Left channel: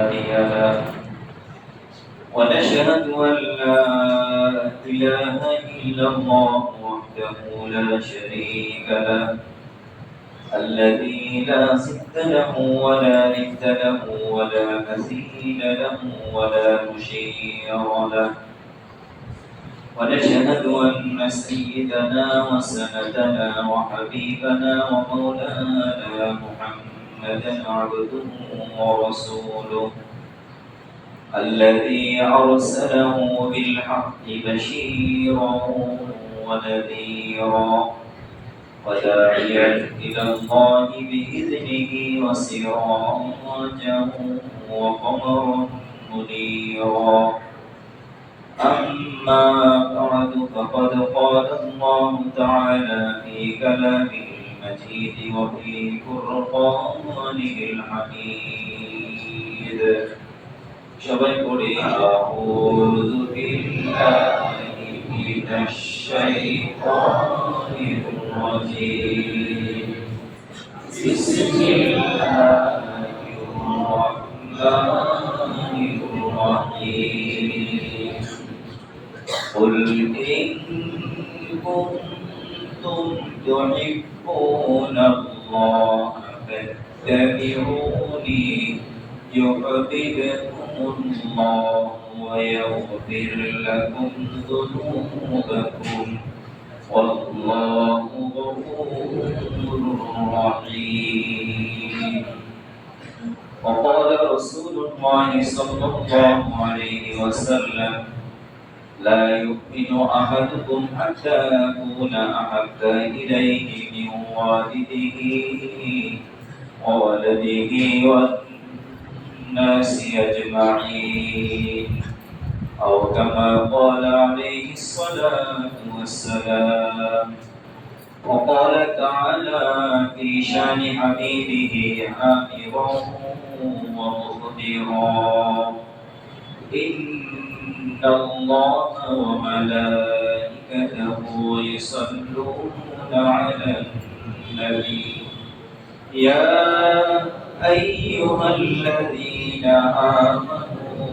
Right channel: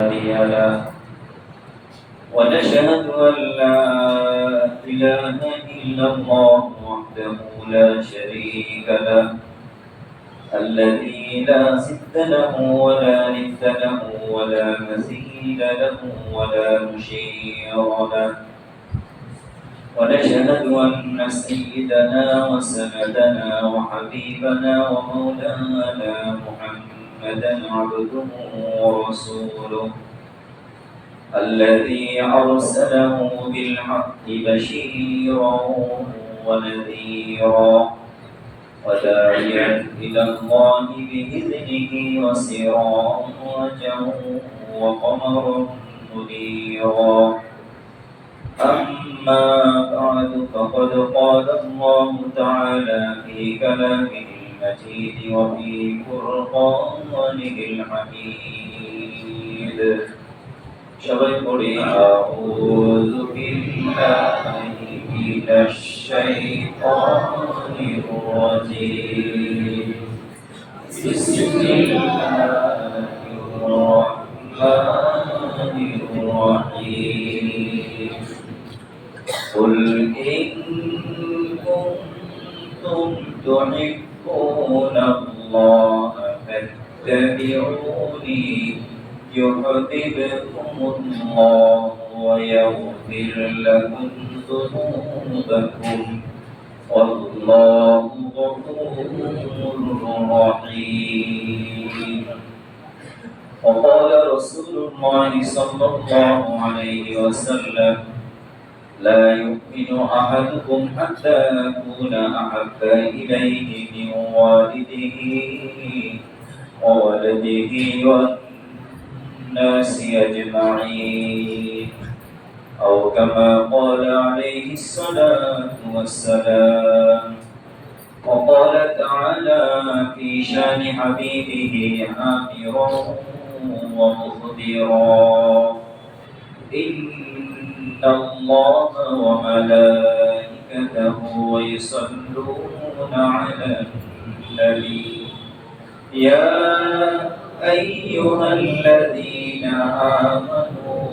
له ونشهد أن لا إله إلا الله وحده لا شريك له الذي لا ضد له ولا ند له ولا مثيل له ولا مشير له ونشهد أن سيدنا وسندنا وحبيبنا ومولانا محمدا عبده ورسوله الذي أرسله بالحق بشيرا ونذيرا وداعيا إلى الله بإذنه وسراجا وقمرا منيرا أما بعد فقد قال الله تعالى في كلامه المجيد وفي فرقانه الحميد সবাই পড়ি আউযু বিল্লাহি মিনাশ শাইতানির রাজীম বিসমিল্লাহির রাহমানির রাহিম قل إن كنتم تحبون الله فاتبعوني يحببكم الله ويغفر لكم ذنوبكم والله غفور رحيم وقال رسول الله صلى الله عليه وسلم لا يؤمن أحدكم حتى أكون أحب إليه من والده وولده والناس أجمعين أو كما قال عليه الصلاة والسلام وقال تعالى في شان حبيبه آمرا ومخبرا إن الله وملائكته يصلون على النبي يا أيها الذين آمنوا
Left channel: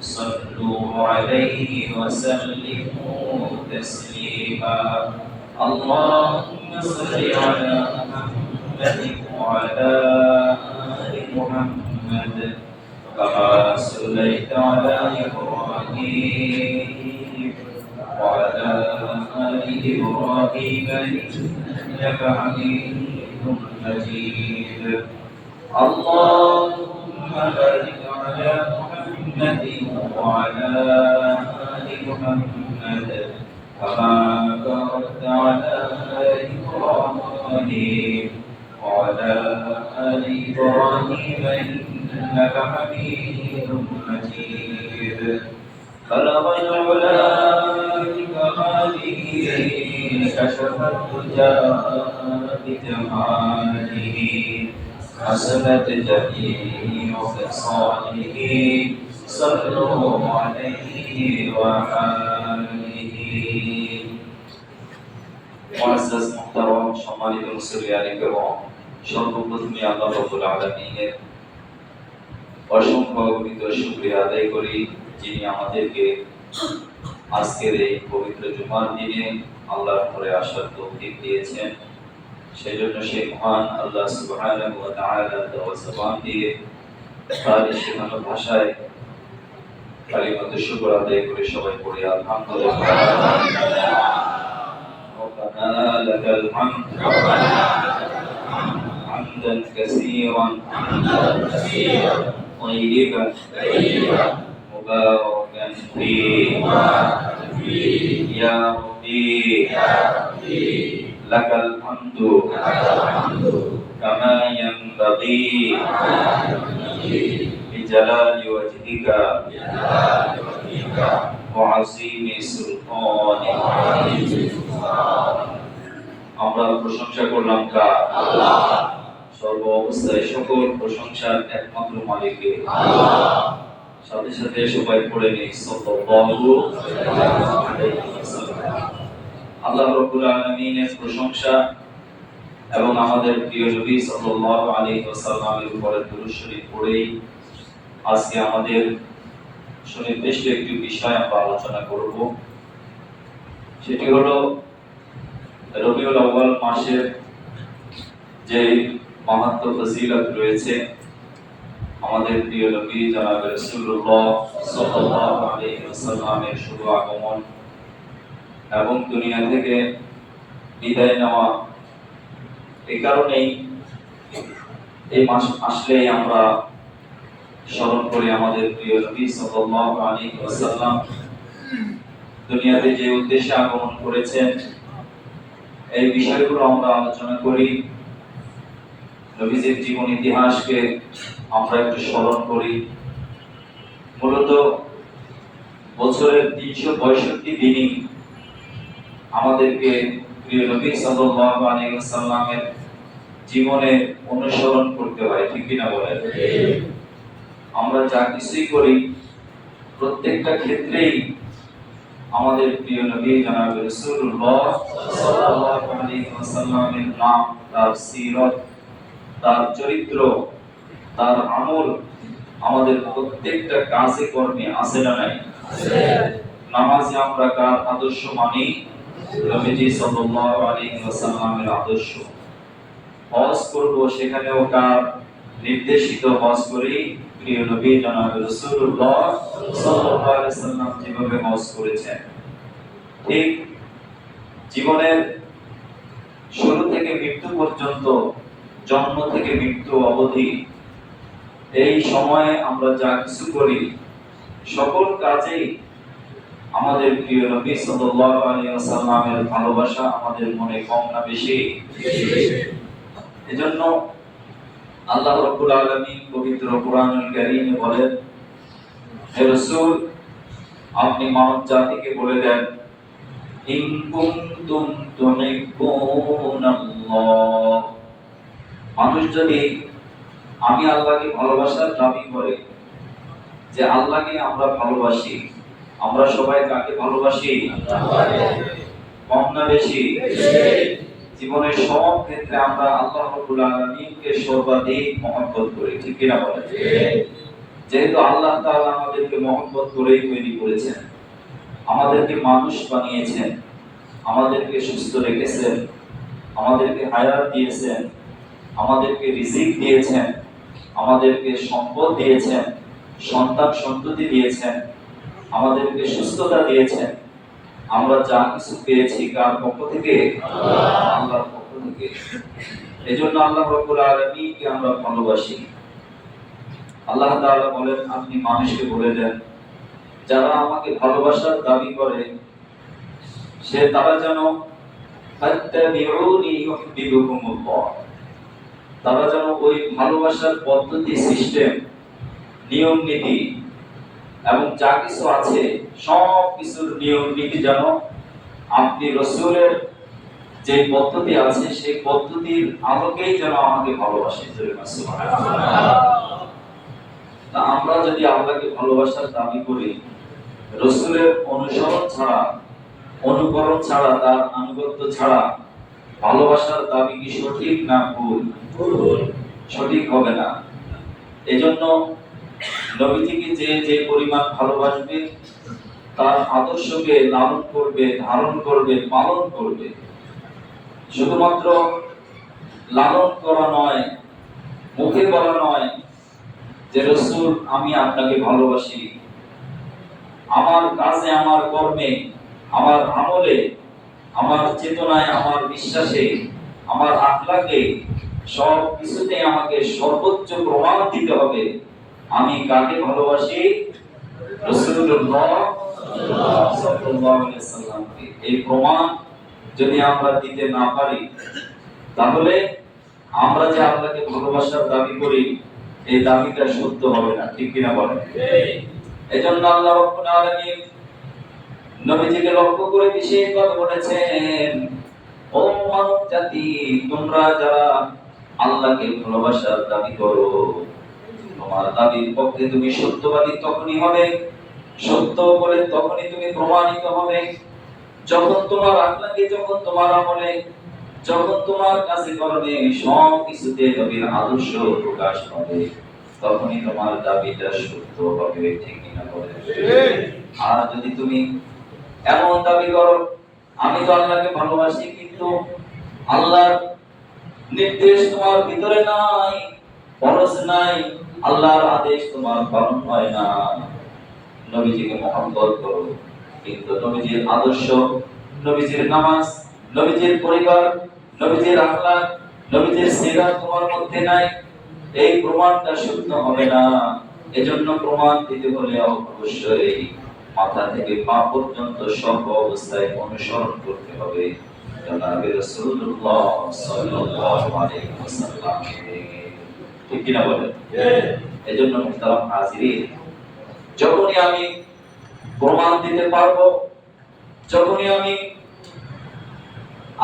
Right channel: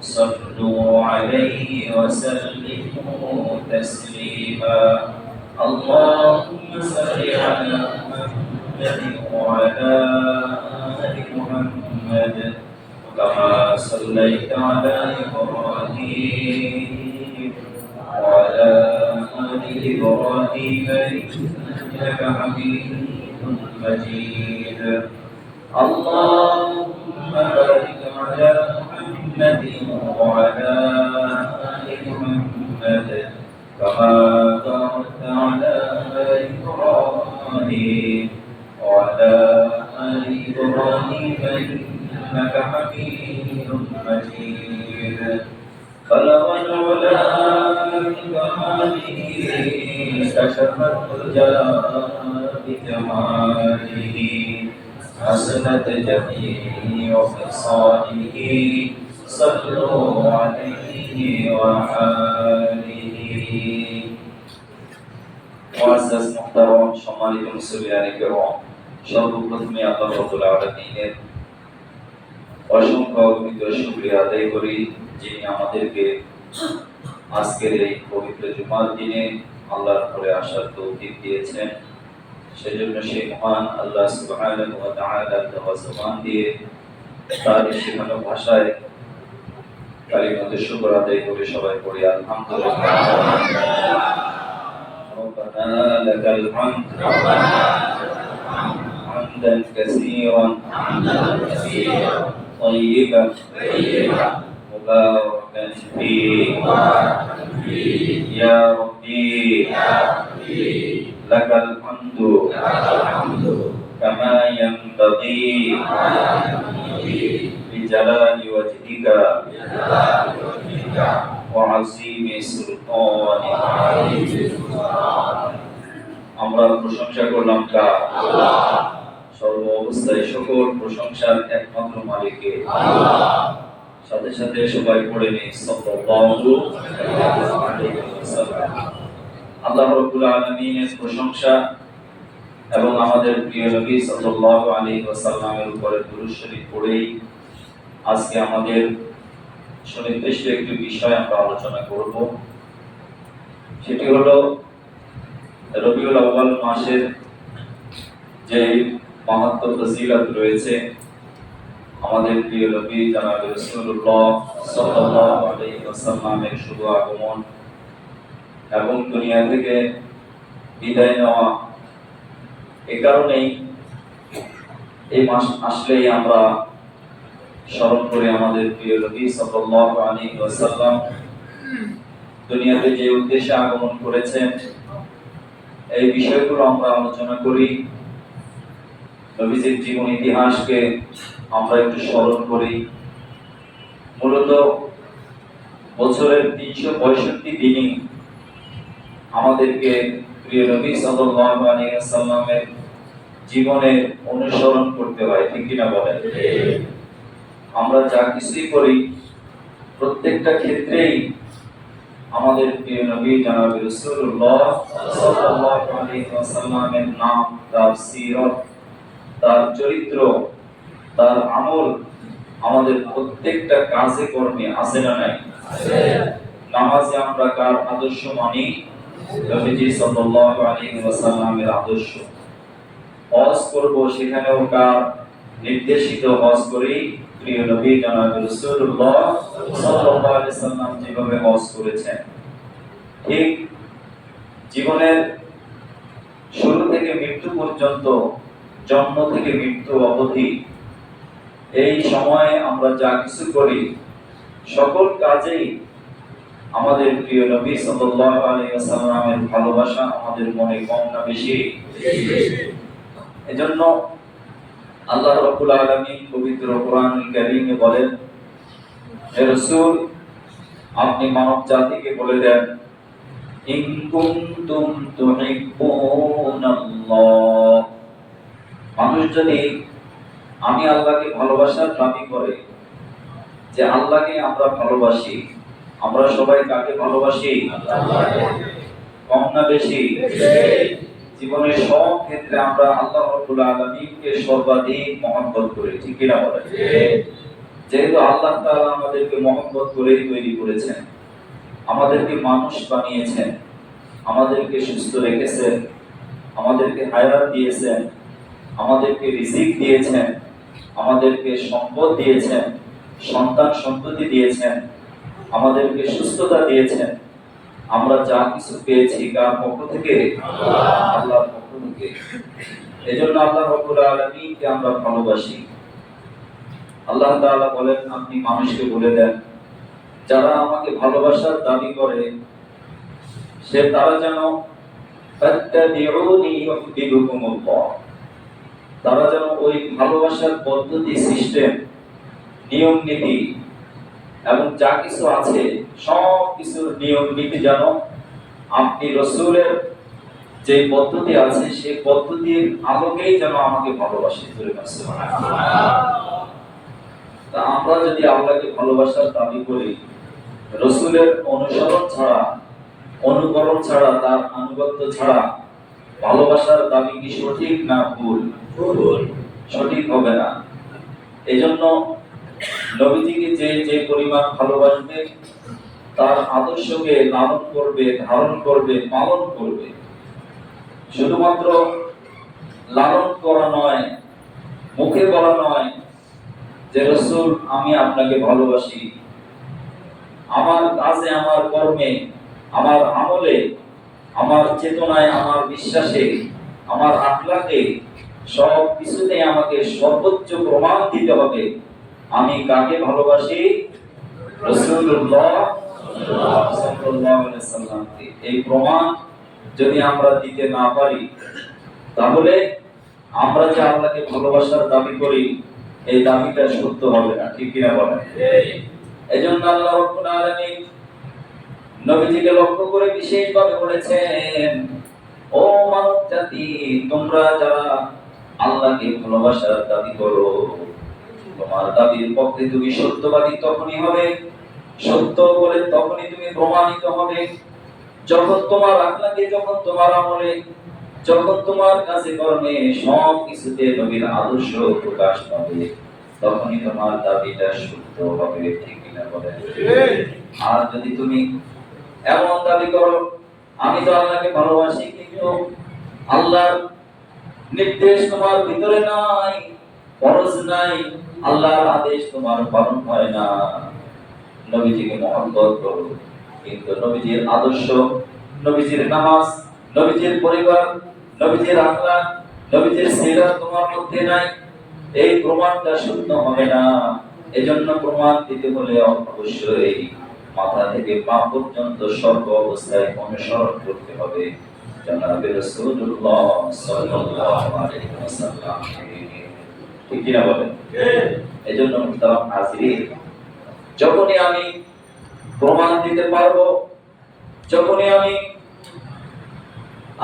صلوا عليه وسلموا تسليما اللهم صل على محمد وعلى آل محمد كما صليت على إبراهيم وعلى آل إبراهيم إنك حميد مجيد اللهم بارك على محمد وعلى آل محمد كما باركت على إبراهيم وعلى آل إبراهيم إنك حميد مجيد بلغ العلا بكماله كشف الدجى بجماله حسنت جميع خصاله صلوا عليه وآله معزز محترم সম্মানিত মুসলিয়ানে কেরাম সর্বপ্রথমে আল্লাহ রাব্বুল আলামিনের অসংখ্য অগণিত শুকরিয়া আদায় করি যিনি আমাদেরকে আজকের এই পবিত্র জুমার দিনে আল্লাহর ঘরে আসার তৌফিক দিয়েছেন সেজন্য সেই মহান আল্লাহ সুবহানাহু ওয়া তাআলার দেওয়া জবান দিয়ে তার শেখানো ভাষায় কালিমাতে শুকর আদায় করে সবাই পড়ি আলহামদুলিল্লাহ ربنا لك الحمد حمدا كثيرا طيبا مباركا فيه يا ربي لك الحمد كما ينبغي بجلال وجهك وعظيم سلطانك আমরা প্রশংসা করলাম কার আল্লাহ সর্ব অবস্থায় সকল প্রশংসার একমাত্র মালিকের আল্লাহ সাথে সাথে সবাই পড়ে নেই সাল্লাল্লাহু আলাইহি ওয়াসাল্লাম আল্লাহ রাব্বুল আলামিনের প্রশংসা এবং আমাদের প্রিয় নবী সাল্লাল্লাহু আলাইহি ওয়াসাল্লামের উপরে দুরূদ শরীফ পড়েই আজকে আমাদের সুনির্দিষ্ট একটি বিষয় আমরা আলোচনা করব, সেটি হলো রবিউল আউয়াল মাসের যে মাহাত্ম্য ফজিলত রয়েছে। আমাদের প্রিয় নবী জনাব রাসূলুল্লাহ সাল্লাল্লাহু আলাইহি ওয়াসাল্লামের শুভ আগমন এবং দুনিয়া থেকে বিদায় নেওয়া, এই কারণেই এই মাস আসলেই আমরা স্মরণ করি আমাদের প্রিয় নবী সাল্লাল্লাহু আলাইহি ওয়াসাল্লাম দুনিয়াতে যে উদ্দেশ্যে আগমন করেছেন, এই বিষয়গুলো আমরা আলোচনা করি। নবীজির জীবন ইতিহাসকে আমরা একটু স্মরণ করি। মূলত বছরের 365 দিনই আমাদেরকে প্রিয় নবী সাল্লাল্লাহু আলাইহি ওয়াসাল্লামের জীবনে অনুসরণ করতে হয়, ঠিক কি না বলেন? আমরা যা কিছুই করি প্রত্যেকটা ক্ষেত্রেই আমাদের প্রিয় নবী জনাব রাসূলুল্লাহ সাল্লাল্লাহু আলাইহি ওয়াসাল্লামের নাম, তার সিরত, তার চরিত্র, তার আমল আমাদের প্রত্যেকটা কাজে কর্মে আছে না নাই? নামাজে আমরা কার আদর্শ মানি? নবীজি সাল্লাল্লাহু আলাইহি ওয়াসাল্লামের আদর্শ। হজ করব, সেখানেও কার নির্দেশিত হজ করি? প্রিয় নবী জনাব রাসূলুল্লাহ সাল্লাল্লাহু আলাইহি ওয়াসাল্লাম যেভাবে হজ করেছেন। ঠিক জীবনের শুরু থেকে মৃত্যু পর্যন্ত, জন্ম থেকে মৃত্যু অবধি, এই সময়ে আমরা যা কিছু করি সকল কাজেই আমাদের প্রিয় নবী সাল্লাল্লাহু আলাইহি ওয়াসাল্লামের ভালোবাসা আমাদের মনে কম না বেশি? এজন্য আল্লাহ রাব্বুল আলামিন পবিত্র কোরআনুল কারীমে বলেন, হে রাসূল, আপনি মানব জাতিকে বলে দেন, ইন কুনতুম তুহিব্বুনাল্লাহ, মানুষ যদি আমি আল্লাহকে ভালোবাসার দাবি করে, যে আল্লাহকে আমরা ভালোবাসি, আমরা সবাই কাকে ভালোবাসি? আল্লাহকে। কম না বেশি? জীবনের সব ক্ষেত্রে আমরা আল্লাহ রাব্বুল আলামিনকে সর্বাধিক মহব্বত করি, ঠিক কি না বলেন? যেহেতু আল্লাহ তাআলা আমাদেরকে মহব্বত করেই তৈরি করেছেন, আমাদেরকে মানুষ বানিয়েছেন, আমাদেরকে সুস্থ রেখেছেন, আমাদেরকে হায়াত দিয়েছেন, আমাদেরকে রিজিক দিয়েছেন, আমাদেরকে সম্পদ দিয়েছেন, সন্তান সন্ততি দিয়েছেন, আমাদেরকে সুস্থতা দিয়েছেন। আমরা যা কিছু পেয়েছি কার পক্ষ থেকে? আল্লাহর পক্ষ থেকে। এজন্য আল্লাহ রাব্বুল আলামিনকে আমরা ভালোবাসি। আল্লাহ তাআলা বলেন, আপনি মানুষকে বলে দেন, যারা আমাকে ভালোবাসার দাবি করে সে তারা যেন ফাত্তাবিউনি ইউহিব্বুকুমুল্লাহ, তারা যেন ওই ভালোবাসার পদ্ধতি, সিস্টেম, নিয়ম নীতি এবং যা কিছু আছে সব কিছুর নিয়ম নীতি যেন আপনি রাসূলের যে পদ্ধতি আছে সেই পদ্ধতির আলোকেই যেন আমাকে ভালোবাসে। তা আমরা যদি আল্লাহকে ভালোবাসার দাবি করি, রাসূলের অনুসরণ ছাড়া, অনুকরণ ছাড়া, তার আনুগত্য ছাড়া ভালোবাসার দাবি কি সঠিক না ভুল? সঠিক হবে না। এজন্য নবীজিকে যে যে পরিমাণ ভালোবাসবে, তার আদর্শকে লালন করবে, ধারণ করবে, পালন করবে। শুধুমাত্র লালন করা নয়, মুখে বলা নয় যে রাসূল আমি আপনাকে ভালোবাসি, আমার কাজে, আমার কর্মে, আমার আমলে, আমার চেতনায়, আমার বিশ্বাসে, আমার আখলাকে, সব কিছুতে আমাকে সর্বোচ্চ প্রমাণ দিতে হবে আমি কাকে ভালোবাসি? রাসূলুল্লাহ সাল্লাল্লাহু আলাইহি ওয়াসাল্লামকে। এই প্রমাণ যদি আমরা দিতে না পারি, তাহলে আমরা যে আল্লাহকে ভালোবাসার দাবি করি এই দাবিটা সত্য হবে না, ঠিক কিনা বলেন? এজন্য আল্লাহ রাব্বুল আলামিন নবীজিকে লক্ষ্য করে বিশেষভাবে বলেছেন, ও মানব জাতি, তোমরা যারা আল্লাহকে ভালোবাসার দাবি করো, তোমার দাবির পক্ষে তুমি সত্যবাদী তখনই হবে, সত্য বলে তখনই তুমি প্রমাণিত হবে যখন তোমার আখলাকে, যখন তোমার আমলে, যখন তোমার কাছে কর্মে সব কিছুতে নবীর আদর্শ প্রকাশ পাবে। তখনই তোমার দাবিটা সত্য হবে, ঠিক কিনা বলেন? আর যদি তুমি এমন দাবি করো আমি তো আল্লাহকে ভালোবাসি, কিন্তু আল্লাহর নির্দেশ তোমার ভিতরে নাই, ফরজ নাই, আল্লাহর আদেশ তোমার পালন হয় না, নবীজিকে মহব্বত করো কিন্তু নবীজির আদর্শ, নবীজির নামাজ, নবীজির পরিবার, নবীজির আখলাক, নবীজির সিরাত তোমার মধ্যে নাই, এই প্রমাণটা সত্য হবে না। এজন্য প্রমাণ দিতে হলে অবশ্যই মাথা থেকে পা পর্যন্ত সর্ব অবস্থায় অনুসরণ করতে হবে জনাবে রাসূলুল্লাহ সাল্লাল্লাহু আলাইহি ওয়াসাল্লাম। ঠিক কি না বলেন? এজন্য মুহতারাম হাজিরিন, যখনই আমি প্রমাণ দিতে পারবো, যখনই আমি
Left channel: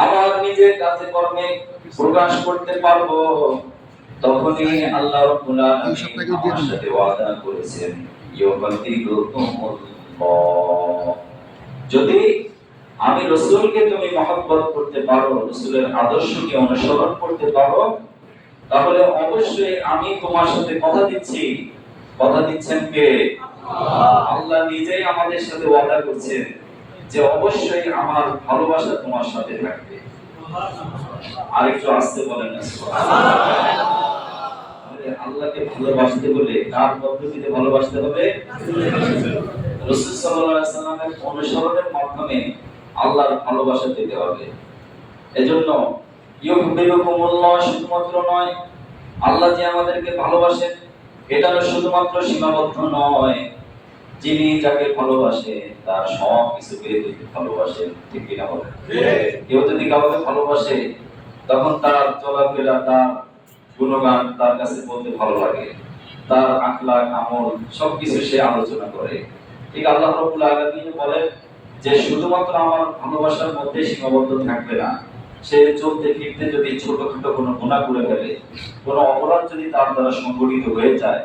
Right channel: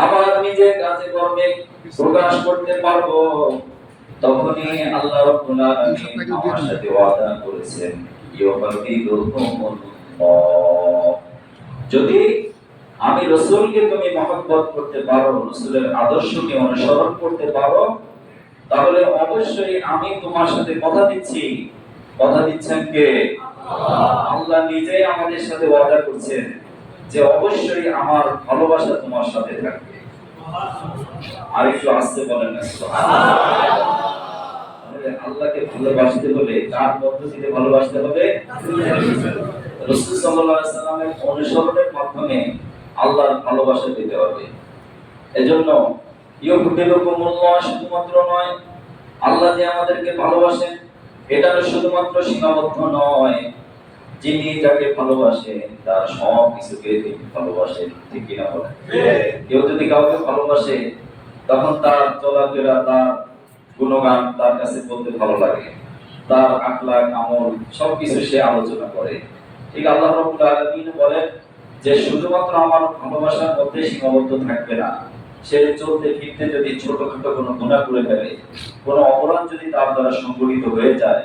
আমার নিজের কাজে কর্মে প্রকাশ করতে পারবো, তখনই আল্লাহ রাব্বুল আলামিন আমার সাথে ওয়াদা করেছেন ইউফাতিহুমুল্লাহ। যদি আমি রাসূলকে তুমি মহব্বত করতে পারো, রাসূলের আদর্শকে অনুসরণ করতে পারো, তাহলে অবশ্যই আমি তোমার সাথে কথা দিচ্ছি। কথা দিচ্ছেন কে? আল্লাহ নিজেই আমাদের সাথে ওয়াদা করছেন যে অবশ্যই আমার ভালোবাসা তোমার সাথে থাকবে। আরেকটু আস্তে বলেন না সুবহানাল্লাহ। আল্লাহকে ভালোবাসতে হলে কার পদ্ধতিতে ভালোবাসতে হবে? রাসূল সাল্লাল্লাহু আলাইহি সাল্লামের অনুসরণের মাধ্যমে আল্লাহর ভালোবাসা পেতে হবে। এজন্য ইউহিব্বুকুমুল্লাহ শুধুমাত্র নয়, আল্লাহ যে আমাদেরকে ভালোবাসেন এটা শুধুমাত্র সীমাবদ্ধ নয়, যিনি যাকে ভালোবাসেন তার সব কিছুকে তিনি ভালোবাসেন। ঠিক কি না বলেন? কেউ যদি কাউকে ভালোবাসে তখন তার চলাফেরা, তার গুণগান তার কাছে বলতে ভালো লাগে, তার আখলাক আমল সবকিছু সে আলোচনা করে। ঠিক আল্লাহ রাব্বুল আলামিন বলেন যে শুধুমাত্র আমার ভালোবাসার মধ্যে সীমাবদ্ধ থাকবে না, সে চলতে ফিরতে যদি ছোটখাটো কোনো গুনাহ করে ফেলে, কোনো অপরাধ যদি তার দ্বারা সংঘটিত হয়ে যায়,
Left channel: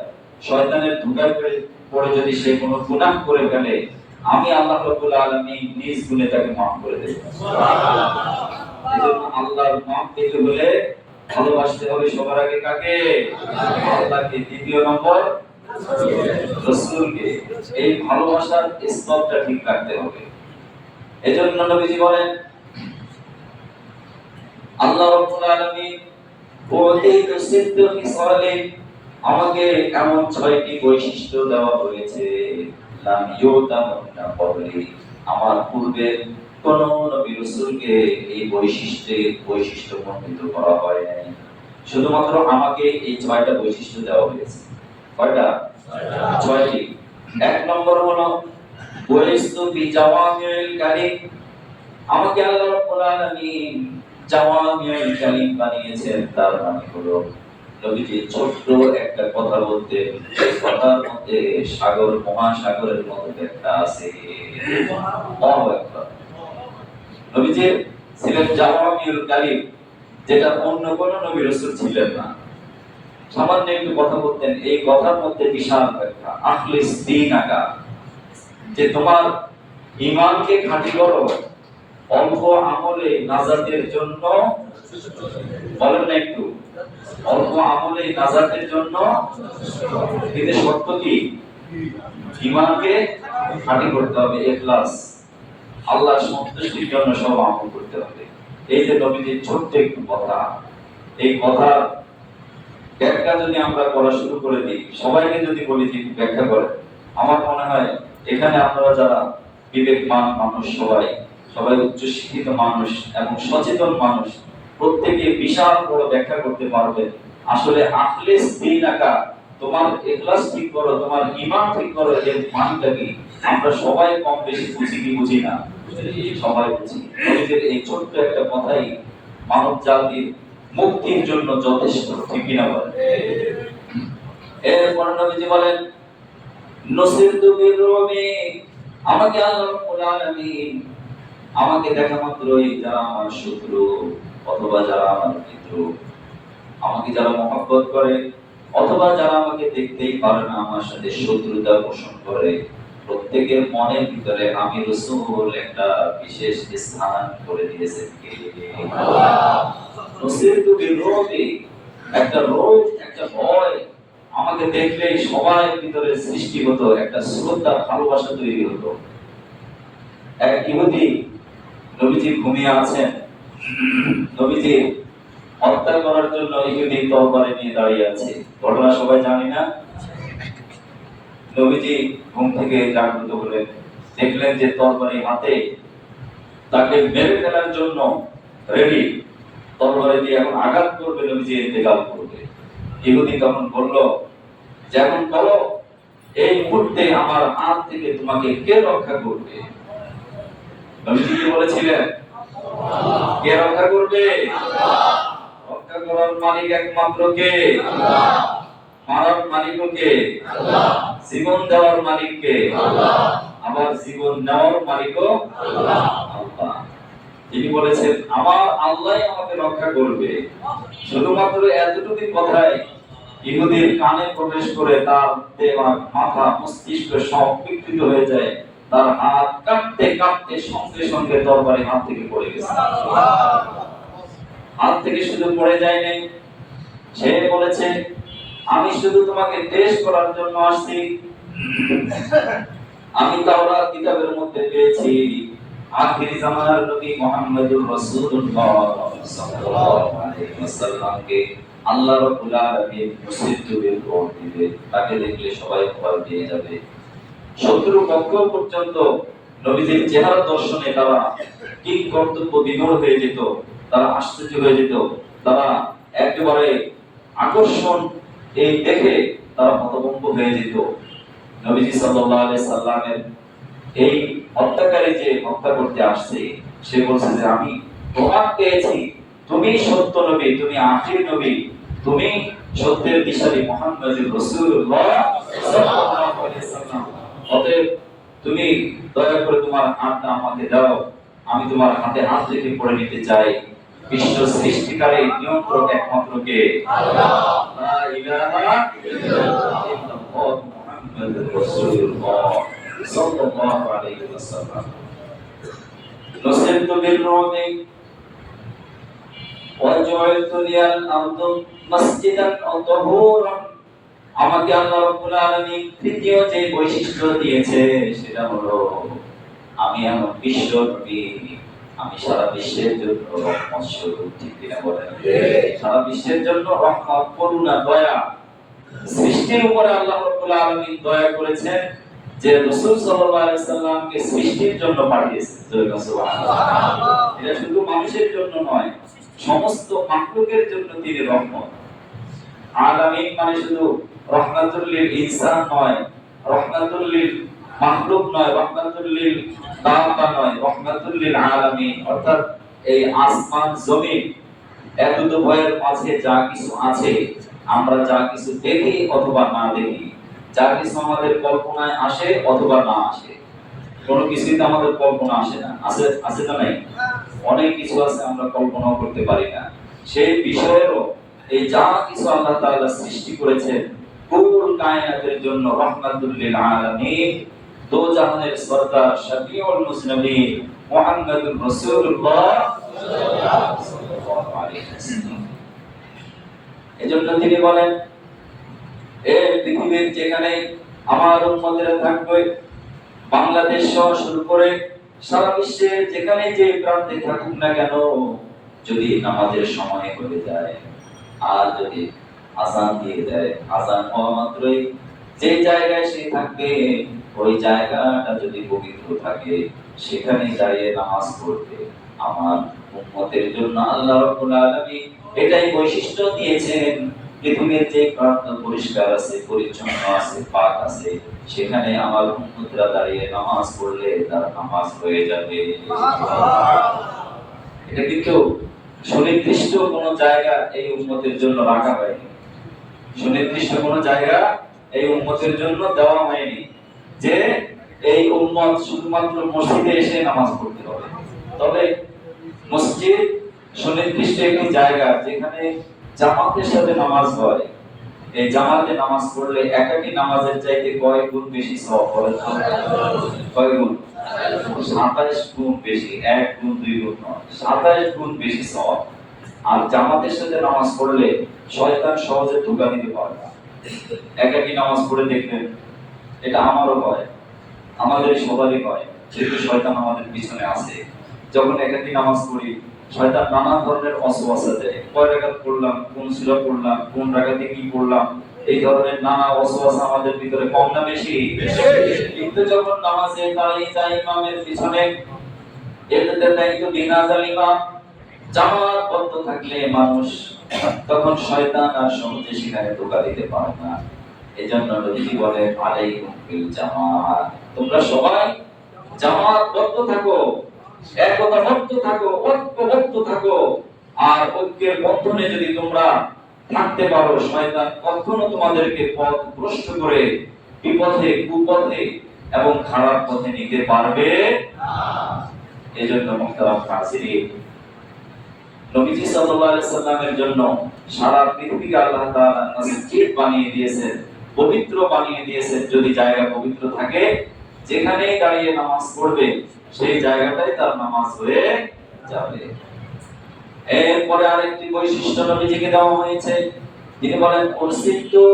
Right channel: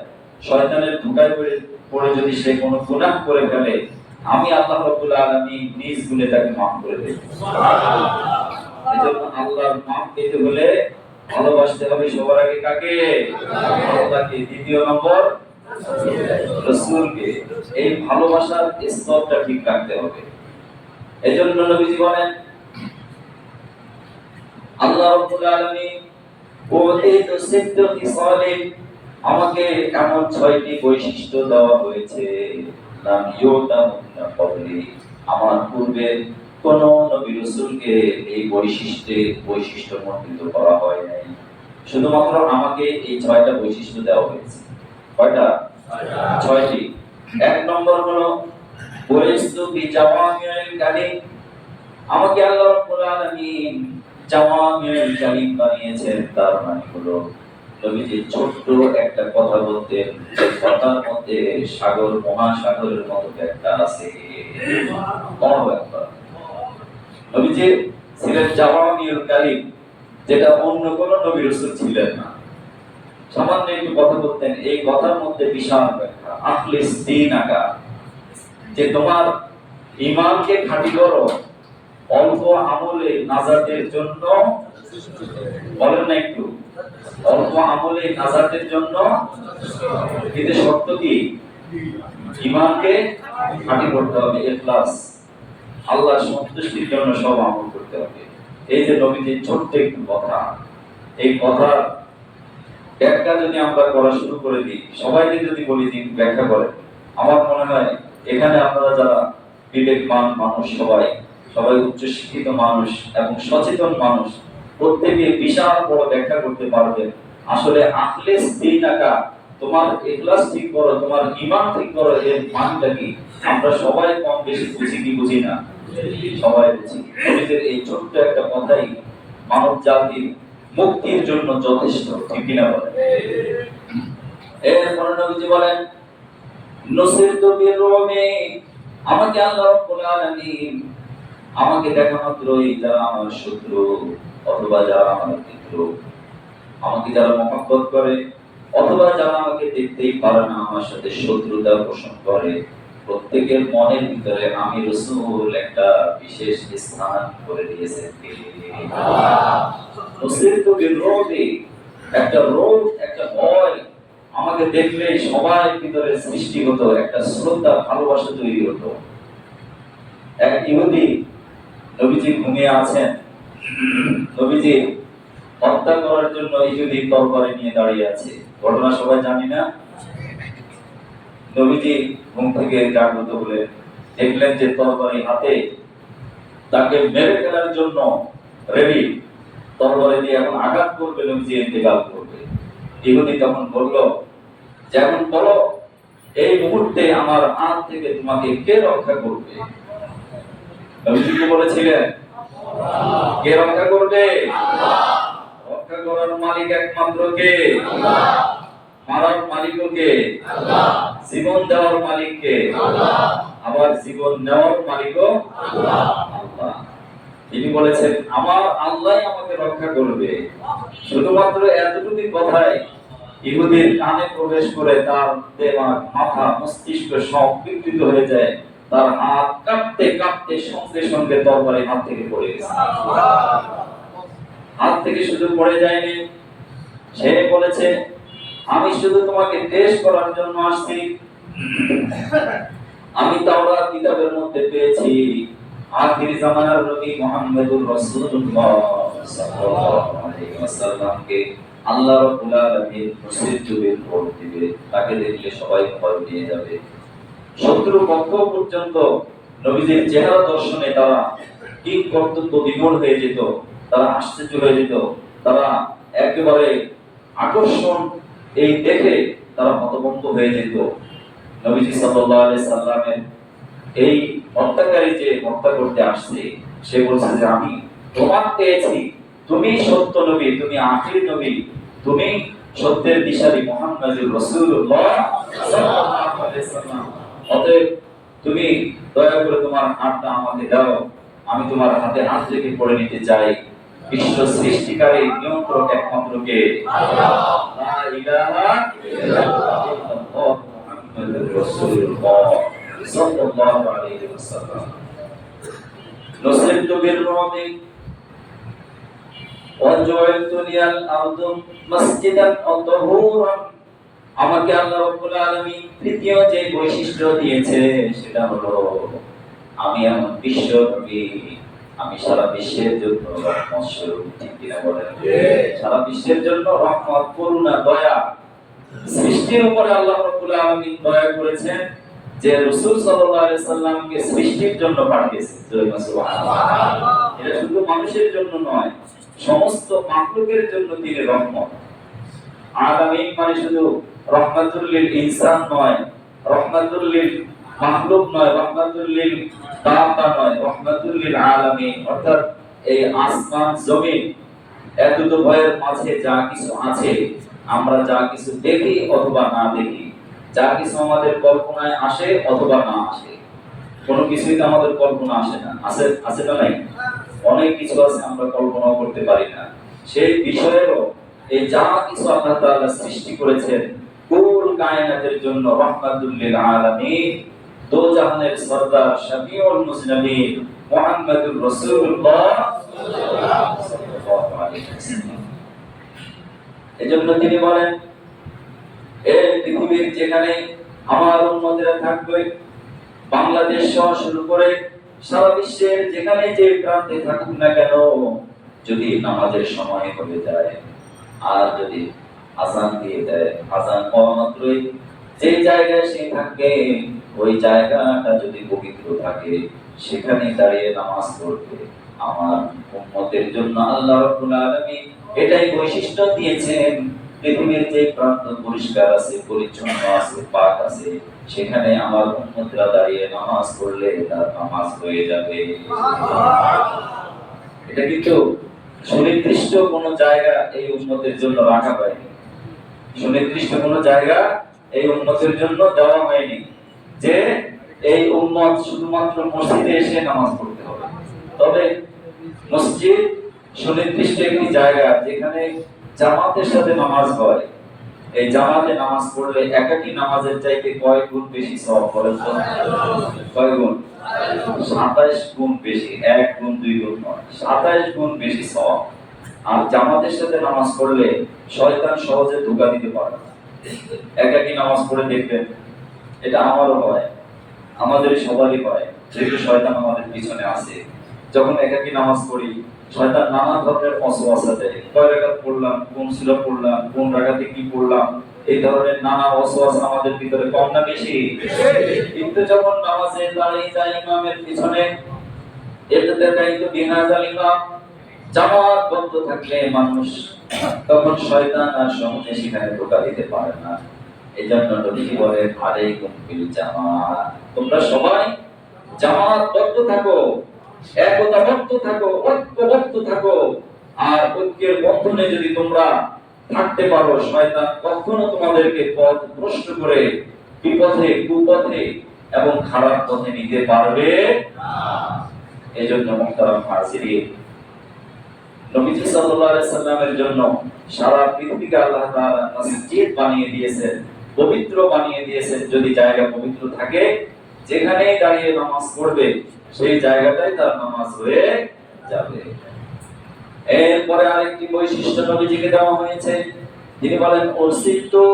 শয়তানের ধোঁকায় পড়ে যদি সে কোনো গুনাহ করে ফেলে, আমি আল্লাহ রাব্বুল আলামিন নিজ গুণে তাকে মাফ করে দেব। সুবহানাল্লাহ। এজন্য আল্লাহর মাফ পেতে হলে ভালোবাসতে হবে সবার আগে কাকে? আল্লাহকে, দ্বিতীয় নম্বর রাসূলকে। এই ভালোবাসার স্তরটা ঠিক রাখতে হবে। এজন্য নবীজি বলেন আল্লাহ রাব্বুল আলামিন ওয়াতিতু সিদ্দু ফিসালিন, আমাকে এমন ৬টি বৈশিষ্ট্য দেওয়া হয়েছে লাম ইউতামুন্না ক্বাবলি, আমার পূর্বে কোন নবী রাসূলকে এই বৈশিষ্ট্য মণ্ডিত করা হয় নাই। শুধুমাত্র আমাকে এই ৬টা বৈশিষ্ট্য দেওয়া হয়েছে। কয়টা? ৬টি। এক নম্বর হলো বুইস্তু বিজাওয়ামিল কালিম, আমাকে আল্লাহ রাব্বুল আলামিন জাওয়ামিউল কালিম বানিয়েছেন। তার মানে হলো নবীজি ছোট্ট একটা কথা বলতেন, এই কথার মধ্যে সাগর মহাসাগরের মতো একটা আছে। আল্লাহু আকবার। নবীজি ছিলেন জাওয়ামিউল কালিম, যেটা অন্য কোন নবী রাসূল ছিলেন না। সামান্য একটু কথা বলতেন, এই কথার মধ্যে বিশাল ব্যাখ্যা। আখলিস দীনাকা, যে তোমার ঈমানকে খাঁটি করো অল্প আমলে নাজাতের জন্য। বলেন না একটু, অল্প আমলে নাজাতের জন্য, কিন্তু শর্ত কি? ঈমানকে খাঁটি করতে হবে, ইখলাস, আল্লাহর সন্তুষ্টির জন্য সব আমল করতে হবে। এই যে নবীজির ছোট্ট একটু কথা, এই কথার ব্যাখ্যা যদি আমরা করা শুরু করে দিই, সবাইকে যদি বলি যে ব্যাখ্যা করেন, আমার মনে হয় এখানে আপনারা যারা বিবেকমান মানুষ, সবাই উচ্চ শিক্ষিত মানুষ এবং সচেতন মানুষ, প্রত্যেকে বিশাল বড় ব্যাখ্যা করতে পারবেন। আসলে আখলিস দীনাকা, তোমার ইখলাস ঠিক করো, তোমার ঈমান ঠিক করো, এর মানেটা কি? আমরা সবাই কম বেশি বুঝি কি বুঝি না? সবাই বুঝি। নবীজির এই ছোট্ট একটা কথাই মানব জাতির মুক্তির জন্য যথেষ্ট। ঠিক কি না বলেন? এরপর নবীজি বলেন নুসিরতু বিররুমি, আমাকে আল্লাহ রাব্বুল আলামিন আমাকে দেখা মাত্রই যারা আমার শত্রু অথবা যারা আমার মিত্র, আমাকে যারা মহব্বত করে অথবা যারা আমাকে দেখতেই পারে না, আমার সাথে শত্রুতা পোষণ করে, প্রত্যেকের মনের ভিতরে আমি রাসূল একটা বিশেষ স্থান করে দিয়েছেন। কে? আল্লাহ। নুসিরতু বিররুমি, একটা রোগ, একটা ভয় আমাকে দেখলেই সবার ভিতরে সৃষ্টি হতো একটা শ্রদ্ধা ভালোবাসা তৈরি হতো। এক ইহুদি নবীজি ঘুমিয়ে আছেন, নবীজি হত্যা করার জন্য ইহুদি তরবারি নিয়ে দাঁড়িয়ে আছে। ঘটনা সবাই জানি না? নবীজি ঘুম থেকে জাগ্রত হলেন, দেখলেন যে তরবারি হাতে, তাকে মেরে ফেলার জন্য রেডি, তরবারি দিয়ে এখন আঘাত করবে, নবীজি ইন্তেকাল করবে। ইহুদি তখন বলল, যেমন বলো এই মুহূর্তে আমার হাত থেকে তোমাকে কে রক্ষা করবে? নবীজি কি বলেছিলেন? কে রক্ষা করবে? রক্ষা করার মালিক একমাত্র কে? মারার মালিকও কে? জীবন দেওয়ার মালিক কে? আবার জীবন নেওয়ার মালিকও আল্লাহ। তিনি বলেছেন আমার আল্লাহই আমাকে রক্ষা করবে। শুধুমাত্র এতটুকু কথাই ইহুদির কানে প্রবেশ করে তার দেমাগ, মাথা, মস্তিষ্ক সব বিকৃত হয়ে যায়। তার হাত কাঁপতে কাঁপতে সঙ্গে সঙ্গে তরবারি হাত থেকে পড়ে গেছে। হাত থেকে শুধু পড়ে যায়নি, সে বলেছে আমি শুধু তোমাকে টেস্ট করার জন্য আসছি। আমি তাওরাত কিতাবের মধ্যে পেয়েছি আখির জামানার নবী মুহাম্মদুর রাসূলুল্লাহ সাল্লাল্লাহু আলাইহি ওয়াসাল্লামকে আল্লাহ রাব্বুল আলামিন মুসিদ্দুরের ভোট দিবে, তাকে দেখলে সবাই ভয় পেয়ে যাবে। শত্রু পক্ষ পর্যন্ত নবীজির চেহারা দর্শনে তারা কি কর্তব্য বিমূঢ় হয়ে যেত, তারা আশ্চর্য হয়ে যেত, তারা একেবারে আকর্ষণ এই দেখে তারা হতভম্ব হয়ে যেত। নবীজি সাল্লাল্লাহু আলাইহি সাল্লামের এই হত্যাকারী যে হত্যা করতে আসছে, সে বলছে যে আমি প্রমাণ পেয়েছি তুমি সত্য নবী, তুমি আখির নবী, তুমি সত্যের দিশারি মুহাম্মদুর রাসূলুল্লাহ সাল্লাল্লাহু আলাইহি সাল্লাম। অতএব তুমি দয়া করে তোমার হাতটা আমাকে দাও, আমি তোমার হাতে হাত রেখে পড়ে নিতে চাই। বিশ্ব সৃষ্টিকারী নিয়ন্ত্রক একমাত্র কে? আল্লাহ। লা ইলাহা ইল্লাল্লাহ মুহাম্মাদুর রাসূলুল্লাহ সাল্লাল্লাহু আলাইহি ওয়াসাল্লাম। নুসিরতু বির-রুবি ওয়া জুইলতু লিয়াল আরদু মাসজিদান ওয়া তাহুরান। আমাকে আল্লাহ রাব্বুল আলামিন তৃতীয় যে বৈশিষ্ট্য দিয়েছে সেটা হলো আমি এমন বিশ্ব নবী, আমি সারা বিশ্বের জন্য রহমত স্বরূপ। ঠিক কিনা বলেন? সারা বিশ্বের জন্য রহমত, করুণা, দয়া। সৃষ্টির উপরে আল্লাহ রাব্বুল আলামিন দয়া করেছেন যে রাসূল সাল্লাল্লাহু আলাইহি সাল্লামকে সৃষ্টির জন্য পাঠিয়েছেন। সুবহানাল্লাহ। এটা শুধু মানুষের জন্য নয়, সমস্ত মাখলুকের জন্য তিনি রহমত। আলামিন মানে শুধু রহমাতুল লিল ইনসান নয়, রহমাতুল লিল মাখলুক নয়, রহমাতুল লিল দাওয়া নয়, রহমাতুল লিল আলামিন। অর্থাৎ এই আসমান জমিন এত ভয়ের মাঝে যা কিছু আছে, আমরা যা কিছু দেখি অথবা না দেখি, যা কিছু আমাদের কল্পনায় আসে অথবা না আসে, কোনো কিছুই তো আমাদের কল্পনা আসে না। আছে? আছে না নাই? অনেক কিছু আছে আমরা কল্পনাও করতে পারি না। সেই বিষয়েরও এই যা কিছু আল্লাহ তাআলা সৃষ্টি করেছেন কুল কায়নাতের জন্য রহমাতুল লিল আলামিন, দো জাহানের সরদার শফিউল মুসলিমিন মুহাম্মদুর রাসূলুল্লাহ সাল্লাল্লাহু আলাইহি ওয়াসাল্লাম। এজন্য তিনি বলেন এই পৃথিবীর যেখানে আমার উম্মতেরা থাকবে, বাংলাদেশ সহ শুরু করে সারা বিশ্বের যেখানে যে প্রান্তে থাকুক না কেন, যদি নামাজের সময় হয়ে যায় আর যদি আযান দিয়ে দেয়, আযান হওয়া মাত্রই যে জায়গায় সে থাকবে ওই জায়গাটা যদি পবিত্র থাকে, সেখানে দাঁড়িয়ে নামাজ পড়বে। আমার উম্মতের জন্য আল্লাহ রাব্বুল আলামিন এটাই বৈশিষ্ট্য দিয়েছেন। পৃথিবীর যে প্রান্ত পরিষ্কার আছে, পরিচ্ছন্ন আছে, পাক আছে, সেখানে আমার উম্মতরা দাঁড়িয়ে নামাজ পড়লে তার নামাজ হয়ে যাবে। এটা কিন্তু সুনির্দিষ্ট কোন জায়গা এই উম্মতের জন্য রাখা হয়নি, সুনির্দিষ্ট কোন জায়গা এই উম্মতের জন্য দেওয়া হয়নি যে এই উম্মত শুধুমাত্র মসজিদে এসে নামাজ পড়তে হবে। তবে মসজিদ সুনির্দিষ্ট একটি জায়গা যেখানে জামাতের সাথে নামাজ হয়। এই জামাতে নামাজ পড়লে একাকী নামাজের চাইতে কয় গুণ বেশি সওয়াব? বলেন তো কয় গুণ? 27 গুণ বেশি। 1 গুণ 2 গুণ নয়, 27 গুণ বেশি সওয়াব। আর জামাতের সাথে নামাজ পড়লে শয়তান সহজে ধোঁকা দিতে পারে না। একাকী নামাজ পড়ে দেখবেন, এটা আমারও হয়, আমাদের সবারই হয়, যেহেতু শয়তান আমাদের পিছনে আছে। যখন একাকী নামাজ পড়ি, শয়তান নানা ধরনের ওয়াসওয়াসা দেয়, কয় রাকাত পড়লাম, কোন সূরা পড়লাম, কোন রাকাতে কি পড়লাম, এই ধরনের নানা ওয়াসওয়াসা আমাদের ভিতরে কম না বেশি? কিন্তু যখন নামাজে দাঁড়িয়ে যায় ইমামের পিছনে, এতে দায়িত্ব বিনা জালিমা জামাতবদ্ধ থাকলে মানুষ, তখন শয়তান আর সহজে সেখানে ধোঁকা দিতে পারে না। এজন্য নবীজি বলেন আলাইকুম বিল জামাত, তোমরা সবাই জামাতবদ্ধ থাকো, একতাবদ্ধ থাকো, ঐক্যবদ্ধ থাকো। আর ঐক্যের বন্ধনে যদি তোমরা থাকতে পারো, শয়তান কখনো তোমাদেরকে পথ ভ্রষ্ট করে বিপথে, কুপথে এবং খারাপ পথে নিতে পারবে না। এজন্য মুহতারাম হাজিরিন, নবীজি সাল্লাল্লাহু আলাইহি সাল্লামের জন্য সারা পৃথিবীকে আল্লাহ তাআলা মসজিদ বানিয়ে দিয়েছেন, পবিত্র বানিয়ে দিয়েছেন। যদি জায়গা পবিত্র থাকে, যেখানেই দাঁড়িয়ে নামাজ পড়বে সেই জায়গাটাই তার নামাজ হয়ে যাবে। এরপরে আরেকটি বৈশিষ্ট্য নবীজিকে দেওয়া হয়েছে, তিনি বলেন উরসিলতু,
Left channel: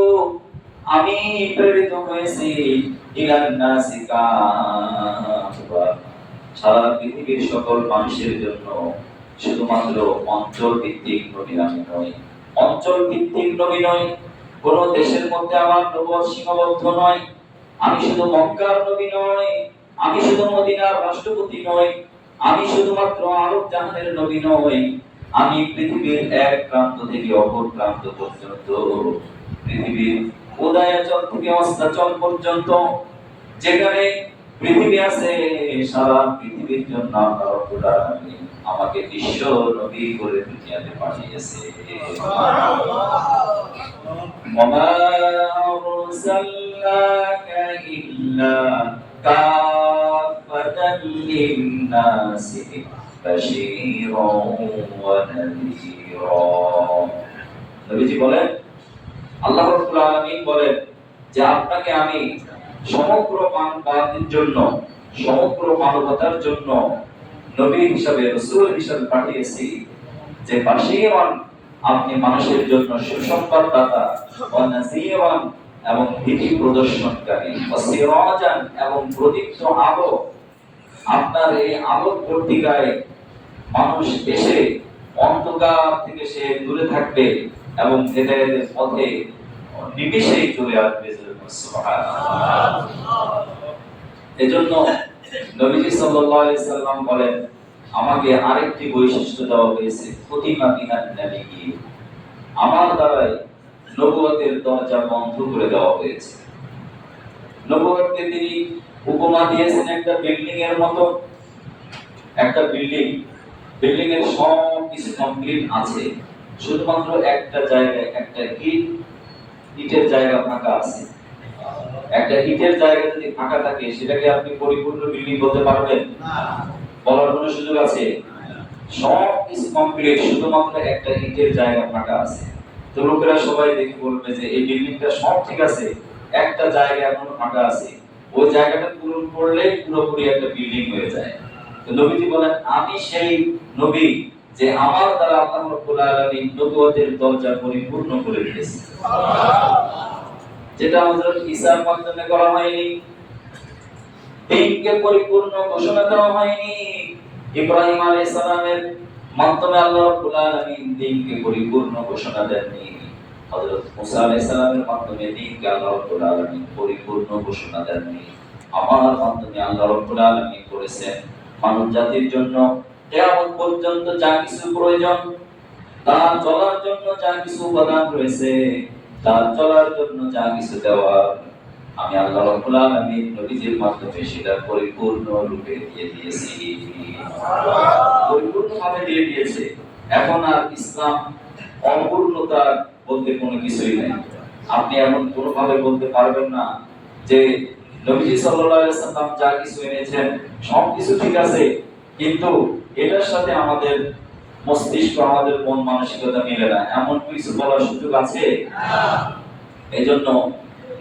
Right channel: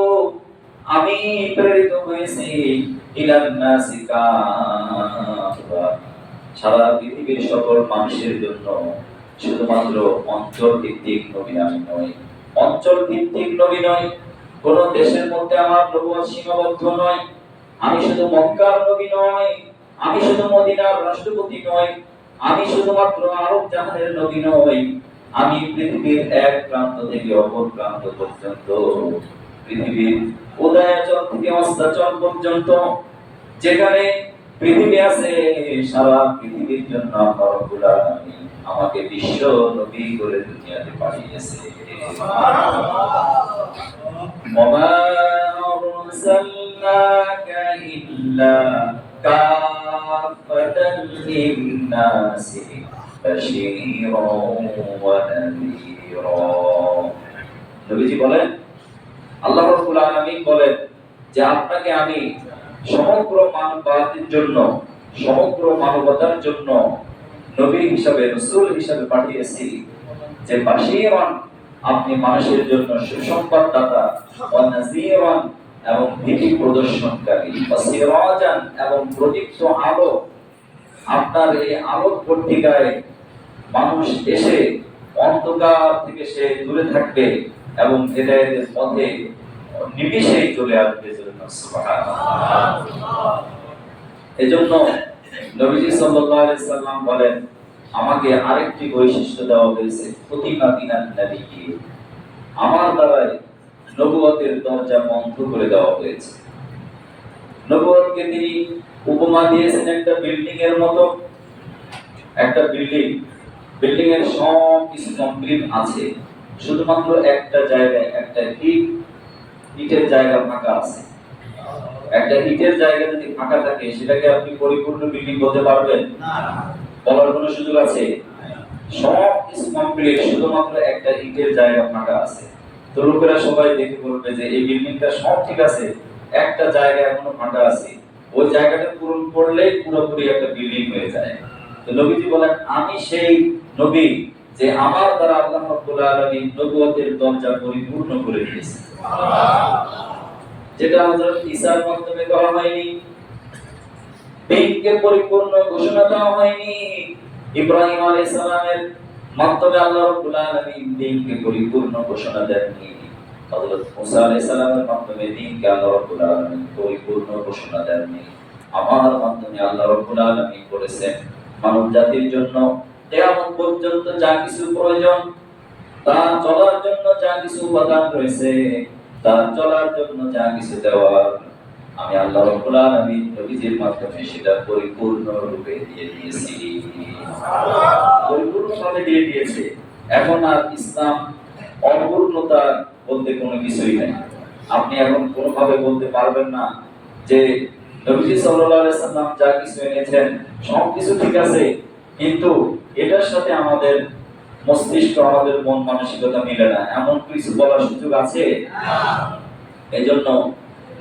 আমি প্রেরিত হয়েছি ইলান নাসি কাফা, সারা পৃথিবীর সকল মানুষের জন্য। শুধুমাত্র অঞ্চল ভিত্তিক নবী আমি নই, অঞ্চল ভিত্তিক নবী নই, কোন দেশের মধ্যে আমার নবুয়ত সীমাবদ্ধ নয়। আমি শুধু মক্কার নবী নই, আমি শুধু মদিনার রাষ্ট্রপতি নই, আমি শুধুমাত্র আরব জাহানের নবী নই। আমি পৃথিবীর এক প্রান্ত থেকে অপর প্রান্ত পর্যন্ত, পৃথিবীর উদয়াচল থেকে অস্তাচল পর্যন্ত যেখানে পৃথিবী আছে, সারা পৃথিবীর জন্য আল্লাহ রাব্বুল আলামিন আমাকে বিশ্ব নবী করে দুনিয়াতে পাঠিয়েছে। ওমা আরসালনাকা ইল্লা কাফাতান লিন-নাসি বাশীরাও ওয়া নাযীরা। নবীজি বলেন, আল্লাহ রাব্বুল আলামিন বলেন যে আপনাকে আমি সমগ্র মানবতার জন্য, সমগ্র মানবতার জন্য নবী হিসাবে, রাসূল হিসাবে পাঠিয়েছি। যে বাশীরান, আপনি মানুষের জন্য সুসংবাদদাতা, ওয়া নাযীরান এবং ভীতি প্রদর্শনকারী, ওয়া সিরাজান এবং প্রদীপ্ত আলো। আপনার এই আলোর পত্রিকায় মানুষ এসে অন্ধকার থেকে সে দূরে থাকবে এবং হেদায়েতের পথে নিমিষেই চলে আসবে। সুবহানাল্লাহ। এজন্য নবীজি সাল্লাল্লাহু আলাইহি সাল্লাম বলেন, আমাকে আরেকটি বৈশিষ্ট্য দেওয়া হয়েছে, ফতিমা বিনান নবী, আমার দ্বারাই নবুয়তের দরজা বন্ধ করে দেওয়া হয়েছে। নবুয়তকে তিনি উপমা দিয়েছেন একটা বিল্ডিং এর মতো। একটা বিল্ডিং, বিল্ডিং এর সব কিছু কমপ্লিট আছে, শুধুমাত্র একটা জায়গায় একটা ইটের জায়গা ফাঁকা আছে। একটা ইটের জায়গা যদি ফাঁকা থাকে, সেটাকে আপনি পরিপূর্ণ বিল্ডিং বলতে পারবেন না, বলার কোনো সুযোগ আছে? সব কিছু কমপ্লিট, শুধুমাত্র একটা ইটের জায়গা ফাঁকা আছে। তো লোকেরা সবাই দেখে বলবে যে এই বিল্ডিংটা সব ঠিক আছে, একটা জায়গা এখনো ফাঁকা আছে, ওই জায়গাটা পূরণ করলেই পুরোপুরি একটা বিল্ডিং হয়ে যায়। তো নবীজি বলেন, আমি সেই নবী যে আমার দ্বারা আল্লাহ রাব্বুল আলামিন নবুয়তের দরজা পরিপূর্ণ করে দিয়েছেন। সুবহানাল্লাহ। যেটা হযরত ঈসার মাধ্যমে করা হয়নি, দিনকে পরিপূর্ণ ঘোষণা দেওয়া হয়নি। ইব্রাহিম আলাইহিস সালামের মাধ্যমে আল্লাহ রাব্বুল আলামিন দিনকে পরিপূর্ণ ঘোষণা দেননি। হযরত মুসা আলাইহিস সালামের মাধ্যমে দিনকে আল্লাহ রাব্বুল আলামিন পরিপূর্ণ ঘোষণা দেননি। আমার মাধ্যমে আল্লাহ রাব্বুল আলামিন করেছেন মানব জাতির জন্য কিয়ামত পর্যন্ত যা কিছু প্রয়োজন, তার চলার জন্য যা কিছু উপাদান রয়েছে, তার চলার জন্য যা কিছু দেওয়ার, আমি আল্লাহ রাব্বুল আলামিন নবীজির মাধ্যমে সেটা পরিপূর্ণ রূপে দিয়ে দিয়েছি, পরিপূর্ণভাবে দিয়ে দিয়েছে। এখন আর ইসলাম অপূর্ণতা বলতে কোনো কিছুই নেই। আপনি এখন কোনোভাবে বলতে পারবেন না যে নবীজি সাল্লাল্লাহু আলাইহি সাল্লাম যা কিছু এনেছেন সব কিছু ঠিক আছে, কিন্তু এটার সাথে আমাদের মস্তিষ্ক, আমাদের মন মানসিকতা মিলে না, এমন কিছু বলার সুযোগ আছে? এজন্য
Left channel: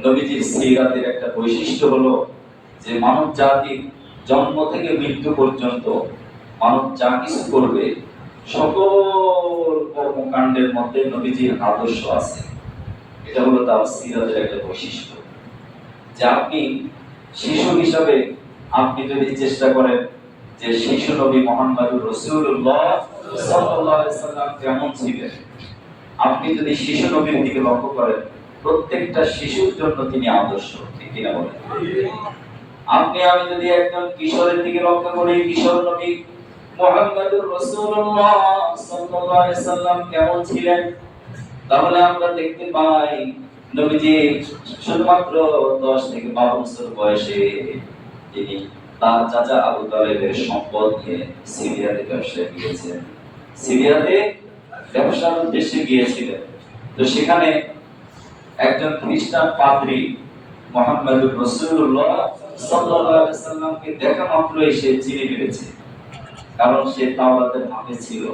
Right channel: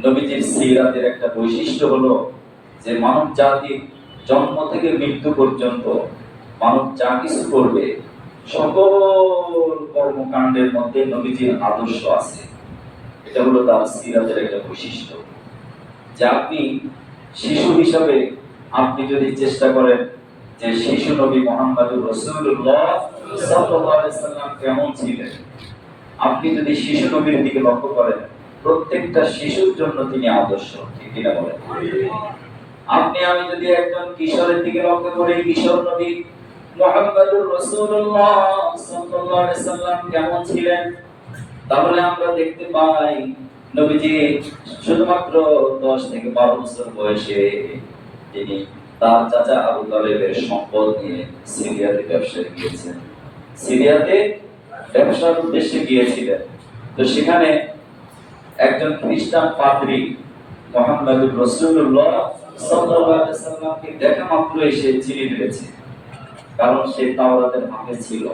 নবীজির সিরাতের একটা বৈশিষ্ট্য হলো যে মানব জাতির জন্ম থেকে মৃত্যু পর্যন্ত মানব যা কিছু করবে, সকল কর্মকাণ্ডের মধ্যে নবীজির আদর্শ আছে। এটা হলো তার সিরাতের একটা বৈশিষ্ট্য, যে আপনি শিশু হিসাবে আপনি যদি চেষ্টা করেন যে শিশু নবী মুহাম্মদুর রাসূলুল্লাহ সাল্লাল্লাহু আলাইহি সাল্লাম কেমন ছিলেন, আপনি যদি শিশু নবীর দিকে লক্ষ্য করেন, প্রত্যেকটা শিশুর জন্য তিনি আদর্শ, ঠিক কিনা বলেন? আপনি আমি যদি একজন কিশোরের দিকে লক্ষ্য করি, কিশোর নবী মুহাম্মদুর রাসূলুল্লাহ সাল্লাল্লাহু আলাইহি সাল্লাম কেমন ছিলেন, তাহলে আমরা দেখতে পাই নবীজি শুধুমাত্র 10 থেকে 12 বছর বয়সে তিনি তার চাচা আবু তালেবের সম্পদ নিয়ে সিরিয়াতে ব্যবসায় গিয়েছেন। সিরিয়াতে ব্যবসার উদ্দেশ্যে গিয়েছিলেন। তো সেখানে একজন খ্রিস্টান পাদ্রী মুহাম্মদুর রাসূলুল্লাহ সাল্লাল্লাহু আলাইহি সাল্লামকে দেখা মাত্রই সে চিনে ফেলেছে, কারণ সে তাওরাতের হাফেজ ছিল।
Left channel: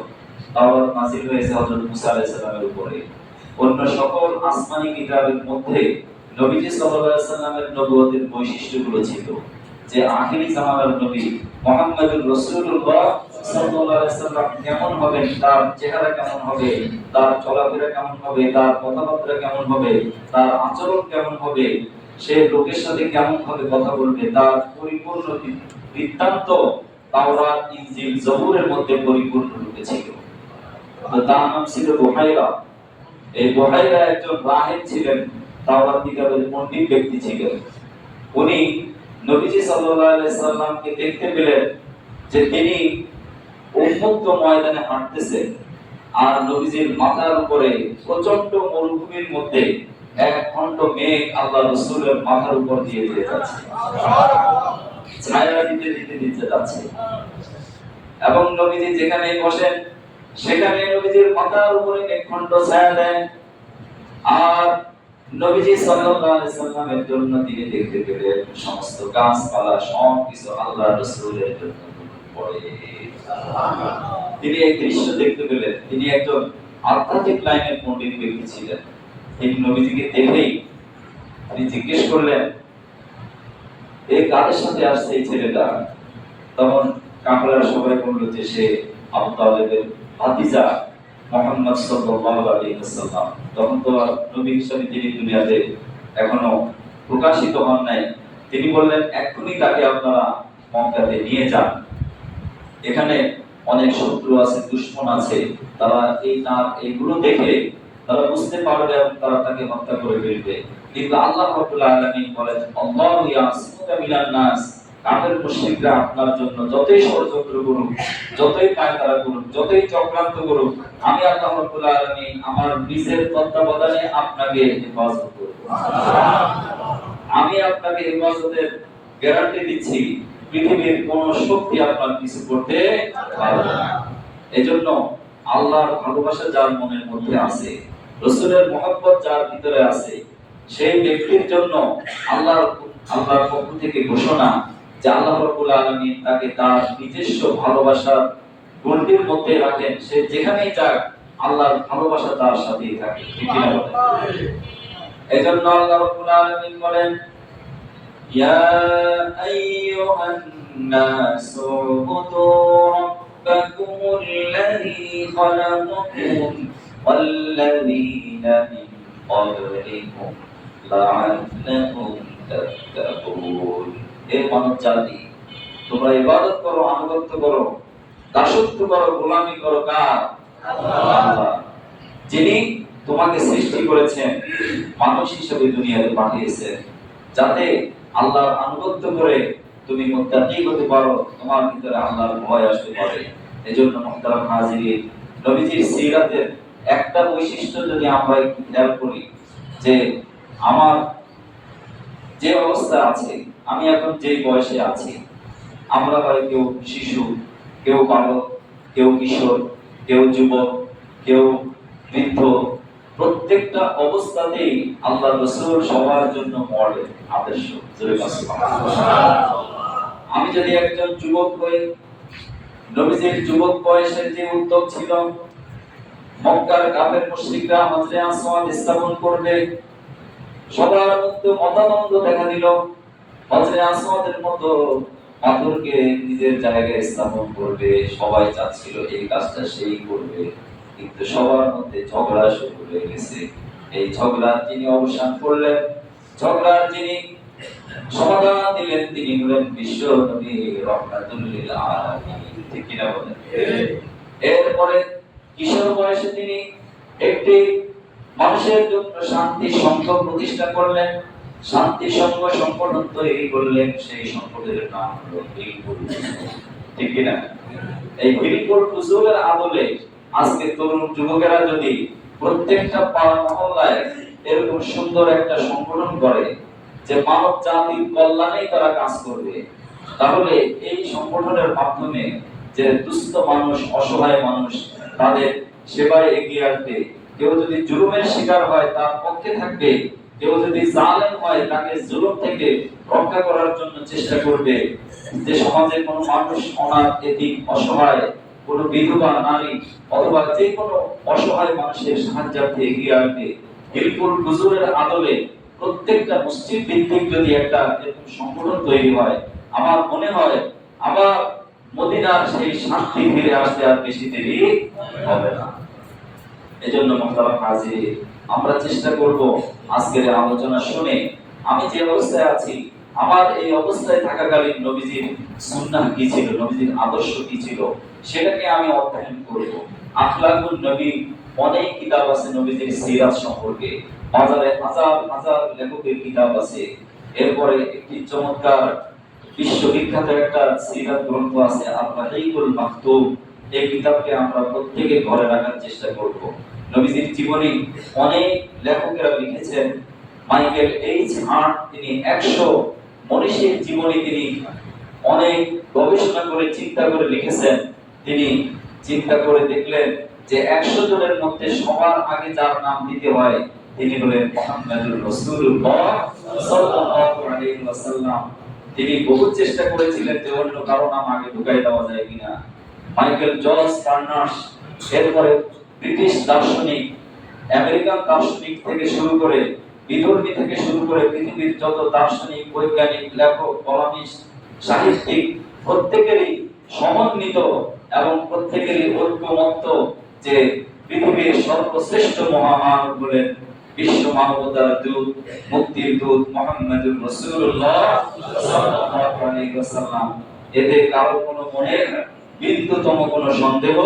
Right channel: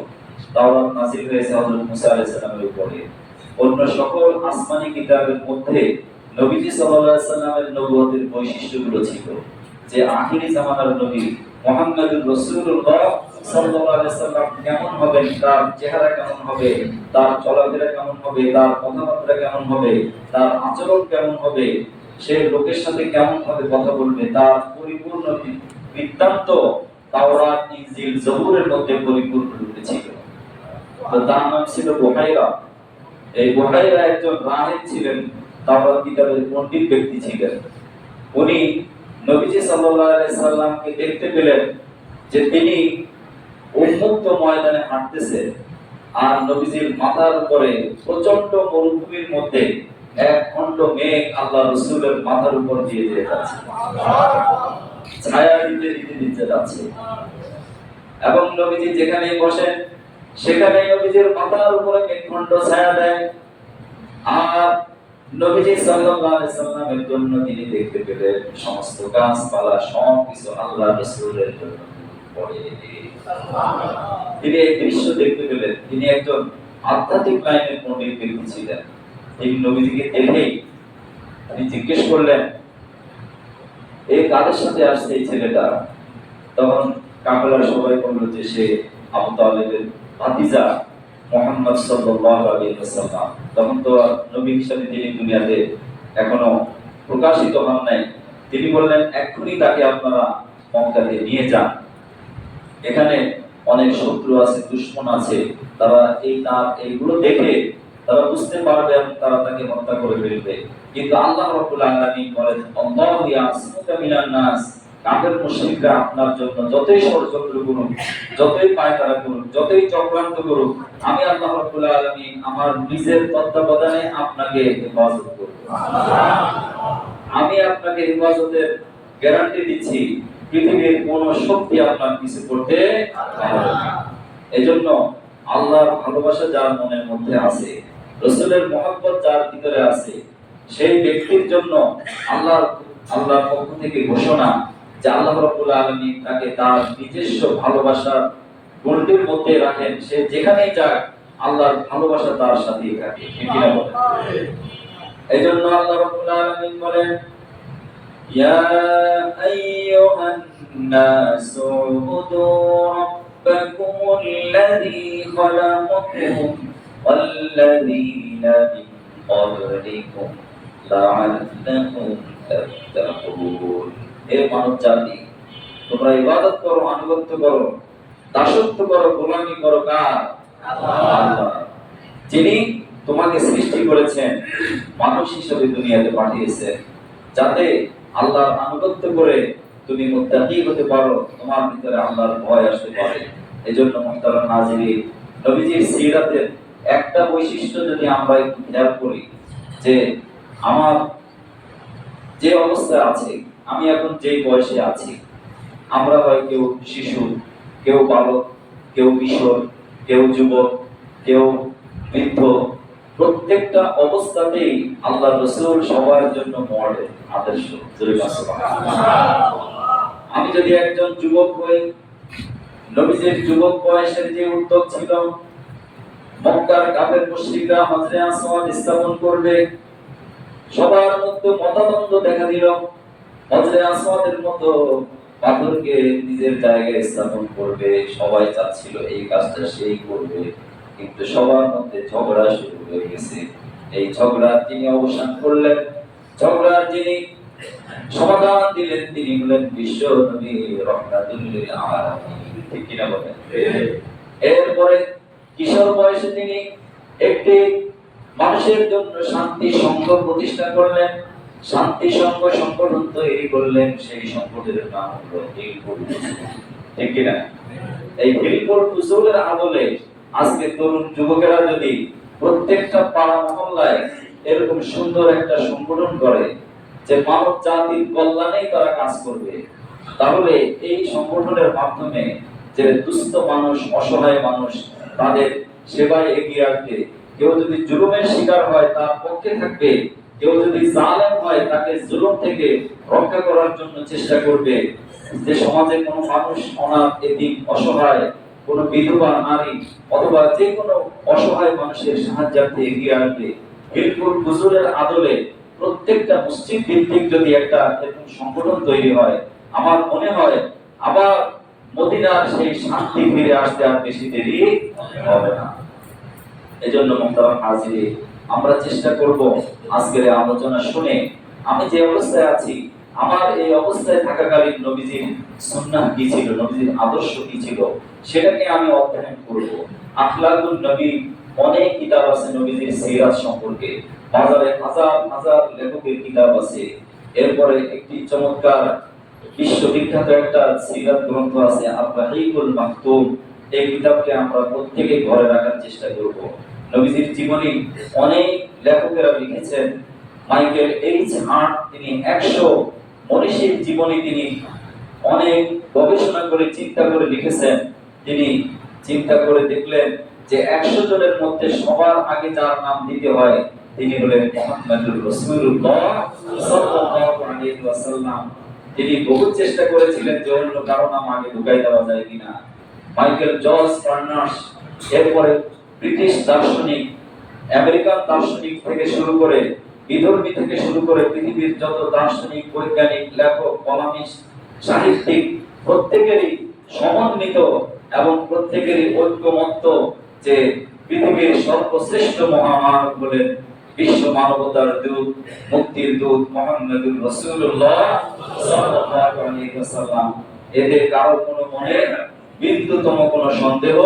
তাওরাত নাযিল হয়েছে হযরত মুসা আলাইহিস সালামের উপরে। অন্য সকল আসমানি কিতাবের মধ্যে নবীজি সাল্লাল্লাহু আলাইহি সাল্লামের নবুয়তের বৈশিষ্ট্যগুলো ছিল, যে আখিরি জামানার নবী মুহাম্মদুর রাসূলুল্লাহ সাল্লাল্লাহু আলাইহি সাল্লাম কেমন হবেন, তার চেহারা কেমন হবে, তার চলাফেরা কেমন হবে, তার কথাবার্তা কেমন হবে, তার আচরণ কেমন হবে, সে লোকের সাথে কেমন ভাবে কথা বলবে, তার পরিপূর্ণ বৃত্তান্ত তাওরাত, ইনজিল, জবুরের মধ্যে পরিপূর্ণ রূপে ছিল। তো তার নাম ছিল বুহাইরা। এই বুহাইরা একজন রাহিব ছিলেন, তাওরাত কিতাবের পণ্ডিত ব্যক্তি ছিলেন। উনি নবীজি সাল্লাল্লাহু আলাইহি সাল্লামকে দেখতে পেলেন যে তিনি উন্মুক্ত ময়দানে হাঁটতেছেন, আর নবীজির মাথার উপরে প্রচন্ড মরুভূমির মধ্যে এক খণ্ড মেঘ আল্লাহ রাসূলের মাথার উপর দিয়ে যাচ্ছে, ছায়া দিতে দিতে দিতে যাচ্ছে। এবং নবীজি যেখানেই বসেন সেখানে নবীজির মাথার উপরে মেঘখণ্ড ছায়া দেন, আর নবীজি সাল্লাল্লাহু আলাইহি সাল্লামের জন্য তিনি দেখতে পেলেন সমস্ত গাছপালা সব কিছু আল্লাহ রাসূলের জন্য পড়ে। তিনি এই দৃশ্য দেখতে পেলেন। তিনি একজন আধ্যাত্মিক লাইনের পণ্ডিত ব্যক্তি ছিলেন। এই নবীজিকে দেখেই তিনি জিজ্ঞেস করলেন, এই কাদের সাথে আসছে এই ছেলেটা? তখন কাফেলার সবাই বলল যে সে আবু তালেবের ভাতিজা মুহাম্মদ সাল্লাল্লাহু আলাইহি ওয়াসাল্লাম। তখন তো নবী হিসেবে তিনি দুনিয়াতে এখনো প্রকাশিত হন নাই। তিনি বললেন, এক্ষুনি তাকে আপনারা মক্কাতে নিয়ে যান, এখানে অনেক শত্রু আছে, দুশমন আছে, তারা এইগুলো দেখে তারা বুঝতে পারবে এবং তারা তাকে হত্যা করে ফেলবে। কিন্তু আল্লাহ রাব্বুল আলামিন বলেন, আল্লাহু ইয়াসিমুকা মিনান নাস, কাফের মুশরিকরা আপনার জন্য যতই ষড়যন্ত্র করুক, যতই পায়তারা করুক, যতই চক্রান্ত করুক, আমি আল্লাহ রাব্বুল আলামিন আমার নিজের তত্ত্বাবধানে আপনাকে হেফাজত করব। আমি আপনাকে হেফাজতের গ্যারান্টি দিচ্ছি, পৃথিবীর কোন শক্তি আপনার কিছু করতে পারবে না। এজন্য আল্লাহর ভালোবাসা যার মনের মধ্যে আছে, রাসূলের মহব্বত যার ভিতরে আছে, সেই ব্যক্তির জন্য আল্লাহর পক্ষ থেকে ঘোষণা যে আল্লাহ রাব্বুল আলামিন তাকে তার নিজস্ব ভালোবাসার গণ্ডির মধ্যে রাখেন। সে যেখানেই যাক আল্লাহর ভালোবাসা তার সাথেই থাকে, ঠিক কি না বলেন? এজন্য আল্লাহ রাব্বুল আলামিন বলেন, ইয়া আইয়ুহান নাসু উবুদু রাব্বাকুমুল্লাযী খালাকাকুম ওয়াল্লাযীনা মিন ক্বাবলিকুম লাআল্লাকুম তাত্তাকুন। হে মানব জাতি, তোমরা ইবাদত করো, আনুগত্য করো, দাসত্ব করো, গোলামি করো কার? আল্লাহ, যিনি তোমাকে সৃষ্টি করেছেন, মানুষ হিসেবে দুনিয়াতে পাঠিয়েছেন, যাতে আল্লাহর আনুগত্য করে তুমি মুত্তাকি হতে পারো, তোমার ভিতরে আল্লাহর ভয় আসতে পারে। এজন্য মুহতারাম হাজিরিন, নবীজির সিরাতের একটা বৈশিষ্ট্য যদি আমরা একটু খেয়াল করি, যে আমার যে অবস্থা আছে, আমি এখন যে বয়সে আছি, আমরা হয় কেউ শিশু, কেউ বালক, কেউ কিশোর, কেউ যুবক, কেউ বৃদ্ধ, প্রত্যেকটা অবস্থাতেই আল্লাহ রাসূল সবার জন্য মডেল, আদর্শ। আমি যদি একজন যুবক হই, নবীজির যুবক বয়সের যে উদ্যোগ ছিল, মক্কার কাফের মুশরিকরা হজরে আসওয়াদ স্থাপন করবে, সবার মধ্যে মতদ্বন্দ্ব দেখা দিল। হজরে আসওয়াদের মতো পাথরকে নিজের জায়গায় স্থাপন করবে, সবাই চাচ্ছিল এই কাজটা সেই করবে, কিন্তু সবার মধ্যে ঝগড়া শুরু হয়ে গেছে। এই ঝগড়া তিনি অবসান করলেন, ঝগড়ার যিনি সমাধান দিলেন তিনি হলেন বিশ্ব নবী রাহমাতুল লিল আলামিন। ঠিক কিনা বলেন? এরপরে কিশোর বয়সে তিনি একটি মানুষের জন্য শান্তি সংঘ প্রতিষ্ঠা করলেন, শান্তি সংঘ সংগঠন তৈরি করলেন। সেই সংগঠনের নাম হলো হিলপুর। ঠিক কিনা? এই হিলপুর ফুজুলের আদলে আজকে তরুণ যুবকেরা যদি প্রত্যেকটা পাড়া মহল্লায় এরকম সুন্দর একটা সংগঠন করে যে মানব জাতির কল্যাণেই তারা কাজ করবে, তাহলে এই সংগঠনের মাধ্যমে যে দুস্থ মানুষ, অসহায় মানুষ, তাদের সেবায় এগিয়ে আসবে। কেউ যদি জুলুমের শিকার হয় তার পক্ষে থাকবে, কেউ যদি জালেম হয় তাকে জুলুম থেকে রক্ষা করার জন্য চেষ্টা করবে। যে সমাজে কোনো মানুষ অনাথ, এতিম, অসহায়, কোনো বিধবা নারী অথবা যে কোনো অসহায় মানুষের সাহায্যার্থে এগিয়ে আসবে, হিলপুর হুজুরের আদলে প্রত্যেকটা মসজিদ ভিত্তিক যদি একটা এরকম সংগঠন তৈরি হয়, আমার মনে হয় আবার মদিনার সেই শান্তি ফিরে আসতে আর বেশি দেরি হবে না। এজন্য মুহতারাম হাজির, আমরা চেষ্টা করব আজকের আলোচনা শুনে আমি যে অবস্থায় আছি, আমার এই অবস্থায় থাকাকালীন নবীজির সুন্নাহ কি ছিল, নবীজির আদর্শ কি ছিল, সেটাকে আমি অধ্যয়ন করব। আখলাকুন নবী, অনেক কিতাব আছে নবীজির সিরাত সম্পর্কে, বাজারে হাজার হাজার লেখকের কিতাব আছে। এরপরে একটি চমৎকার বিশ্ববিখ্যাত একটা সিরাত গ্রন্থ আছে আল-রাহিকুল মাকতুম। এই কিতাবকে আমরা প্রত্যেকে ঘরে রাখার চেষ্টা করব। নবীজির জীবনী অনেক লেখকেরা লিখেছেন। মাইকেল এইচ হার্ট তিনি 100 মনীষীর জীবনী তিনি অনেক গবেষণা করে চিন্তা করে লিখেছেন। তিনি চিন্তা করে দেখলেন যে 100 জনের মধ্যে সবার আগে যার নাম দিতে হয় তিনি হলেন মুহাম্মদুর রাসূলুল্লাহ সাল্লাল্লাহু আলাইহি ওয়াসাল্লাম। তিনি বহু চেষ্টা করেছিলেন যে অন্য কারো নাম আগে ঢুকাই দেওয়া যায় কিনা। মাইকেল জর্জ বার্নার্স, এরপরে ব্রিটিশ দার্শনিক, আমেরিকান দার্শনিক থেকে শুরু করে, বিধর্মী থেকে শুরু করে পৃথিবীর যত দার্শনিক, বৈজ্ঞানিক, লেখক, কলামিস্ট, সাহিত্যিক প্রত্যেকেরই সমন্বিত এবং প্রত্যেকেরই ঐক্যমত্য যে পৃথিবীর সর্বশ্রেষ্ঠ মহামানব বলেন বিশ্ব মানবতার দূত, মুক্তির দূত মুহাম্মদুর রাসূলুল্লাহ সাল্লাল্লাহু আলাইহি ওয়াসাল্লাম। এতে কারো কোনো মনে বিন্দুতম কোনো সন্দেহ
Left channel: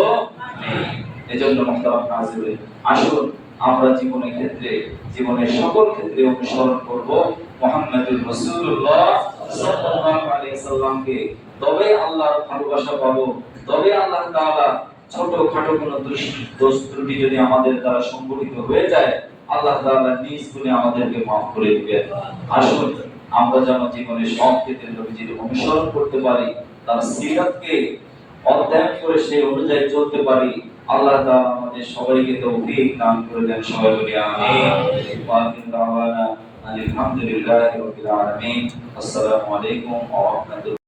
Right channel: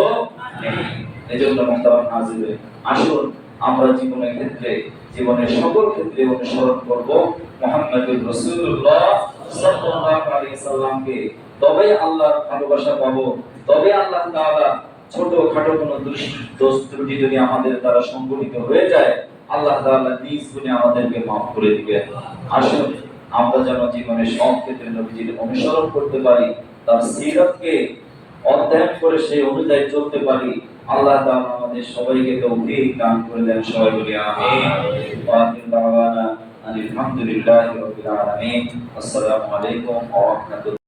নেই। এজন্য মুহতারাম হাজির, আসুন আমরা জীবনের ক্ষেত্রে, জীবনের সকল ক্ষেত্রে অনুসরণ করব মুহাম্মদুর রাসূলুল্লাহ সাল্লাল্লাহু আলাইহি ওয়াসাল্লামকে। তবে আল্লাহর ভালোবাসা পাবো, তবে আল্লাহ তাআলা ছোটখাটো কোনো দোষ ত্রুটি যদি আমাদের দ্বারা সংঘটিত হয়ে যায়, আল্লাহ তাআলা নিজ গুণে আমাদেরকে মাফ করে দিবেন। আসুন আমরা যেন জীবনের সব ক্ষেত্রে নবীজির অনুসরণ করতে পারি, তার সিরাতকে অধ্যয়ন করে সেই অনুযায়ী চলতে পারি। আল্লাহ তাআলা আমাদের সবাইকে তৌফিক দান করে দেন। সবাই বলি আমিন। ওয়া আখিরু দাওয়ানা আলহামদুলিল্লাহি রাব্বিল আলামিন। আসসালামু আলাইকুম ওয়া রাহমাতুল্লাহ।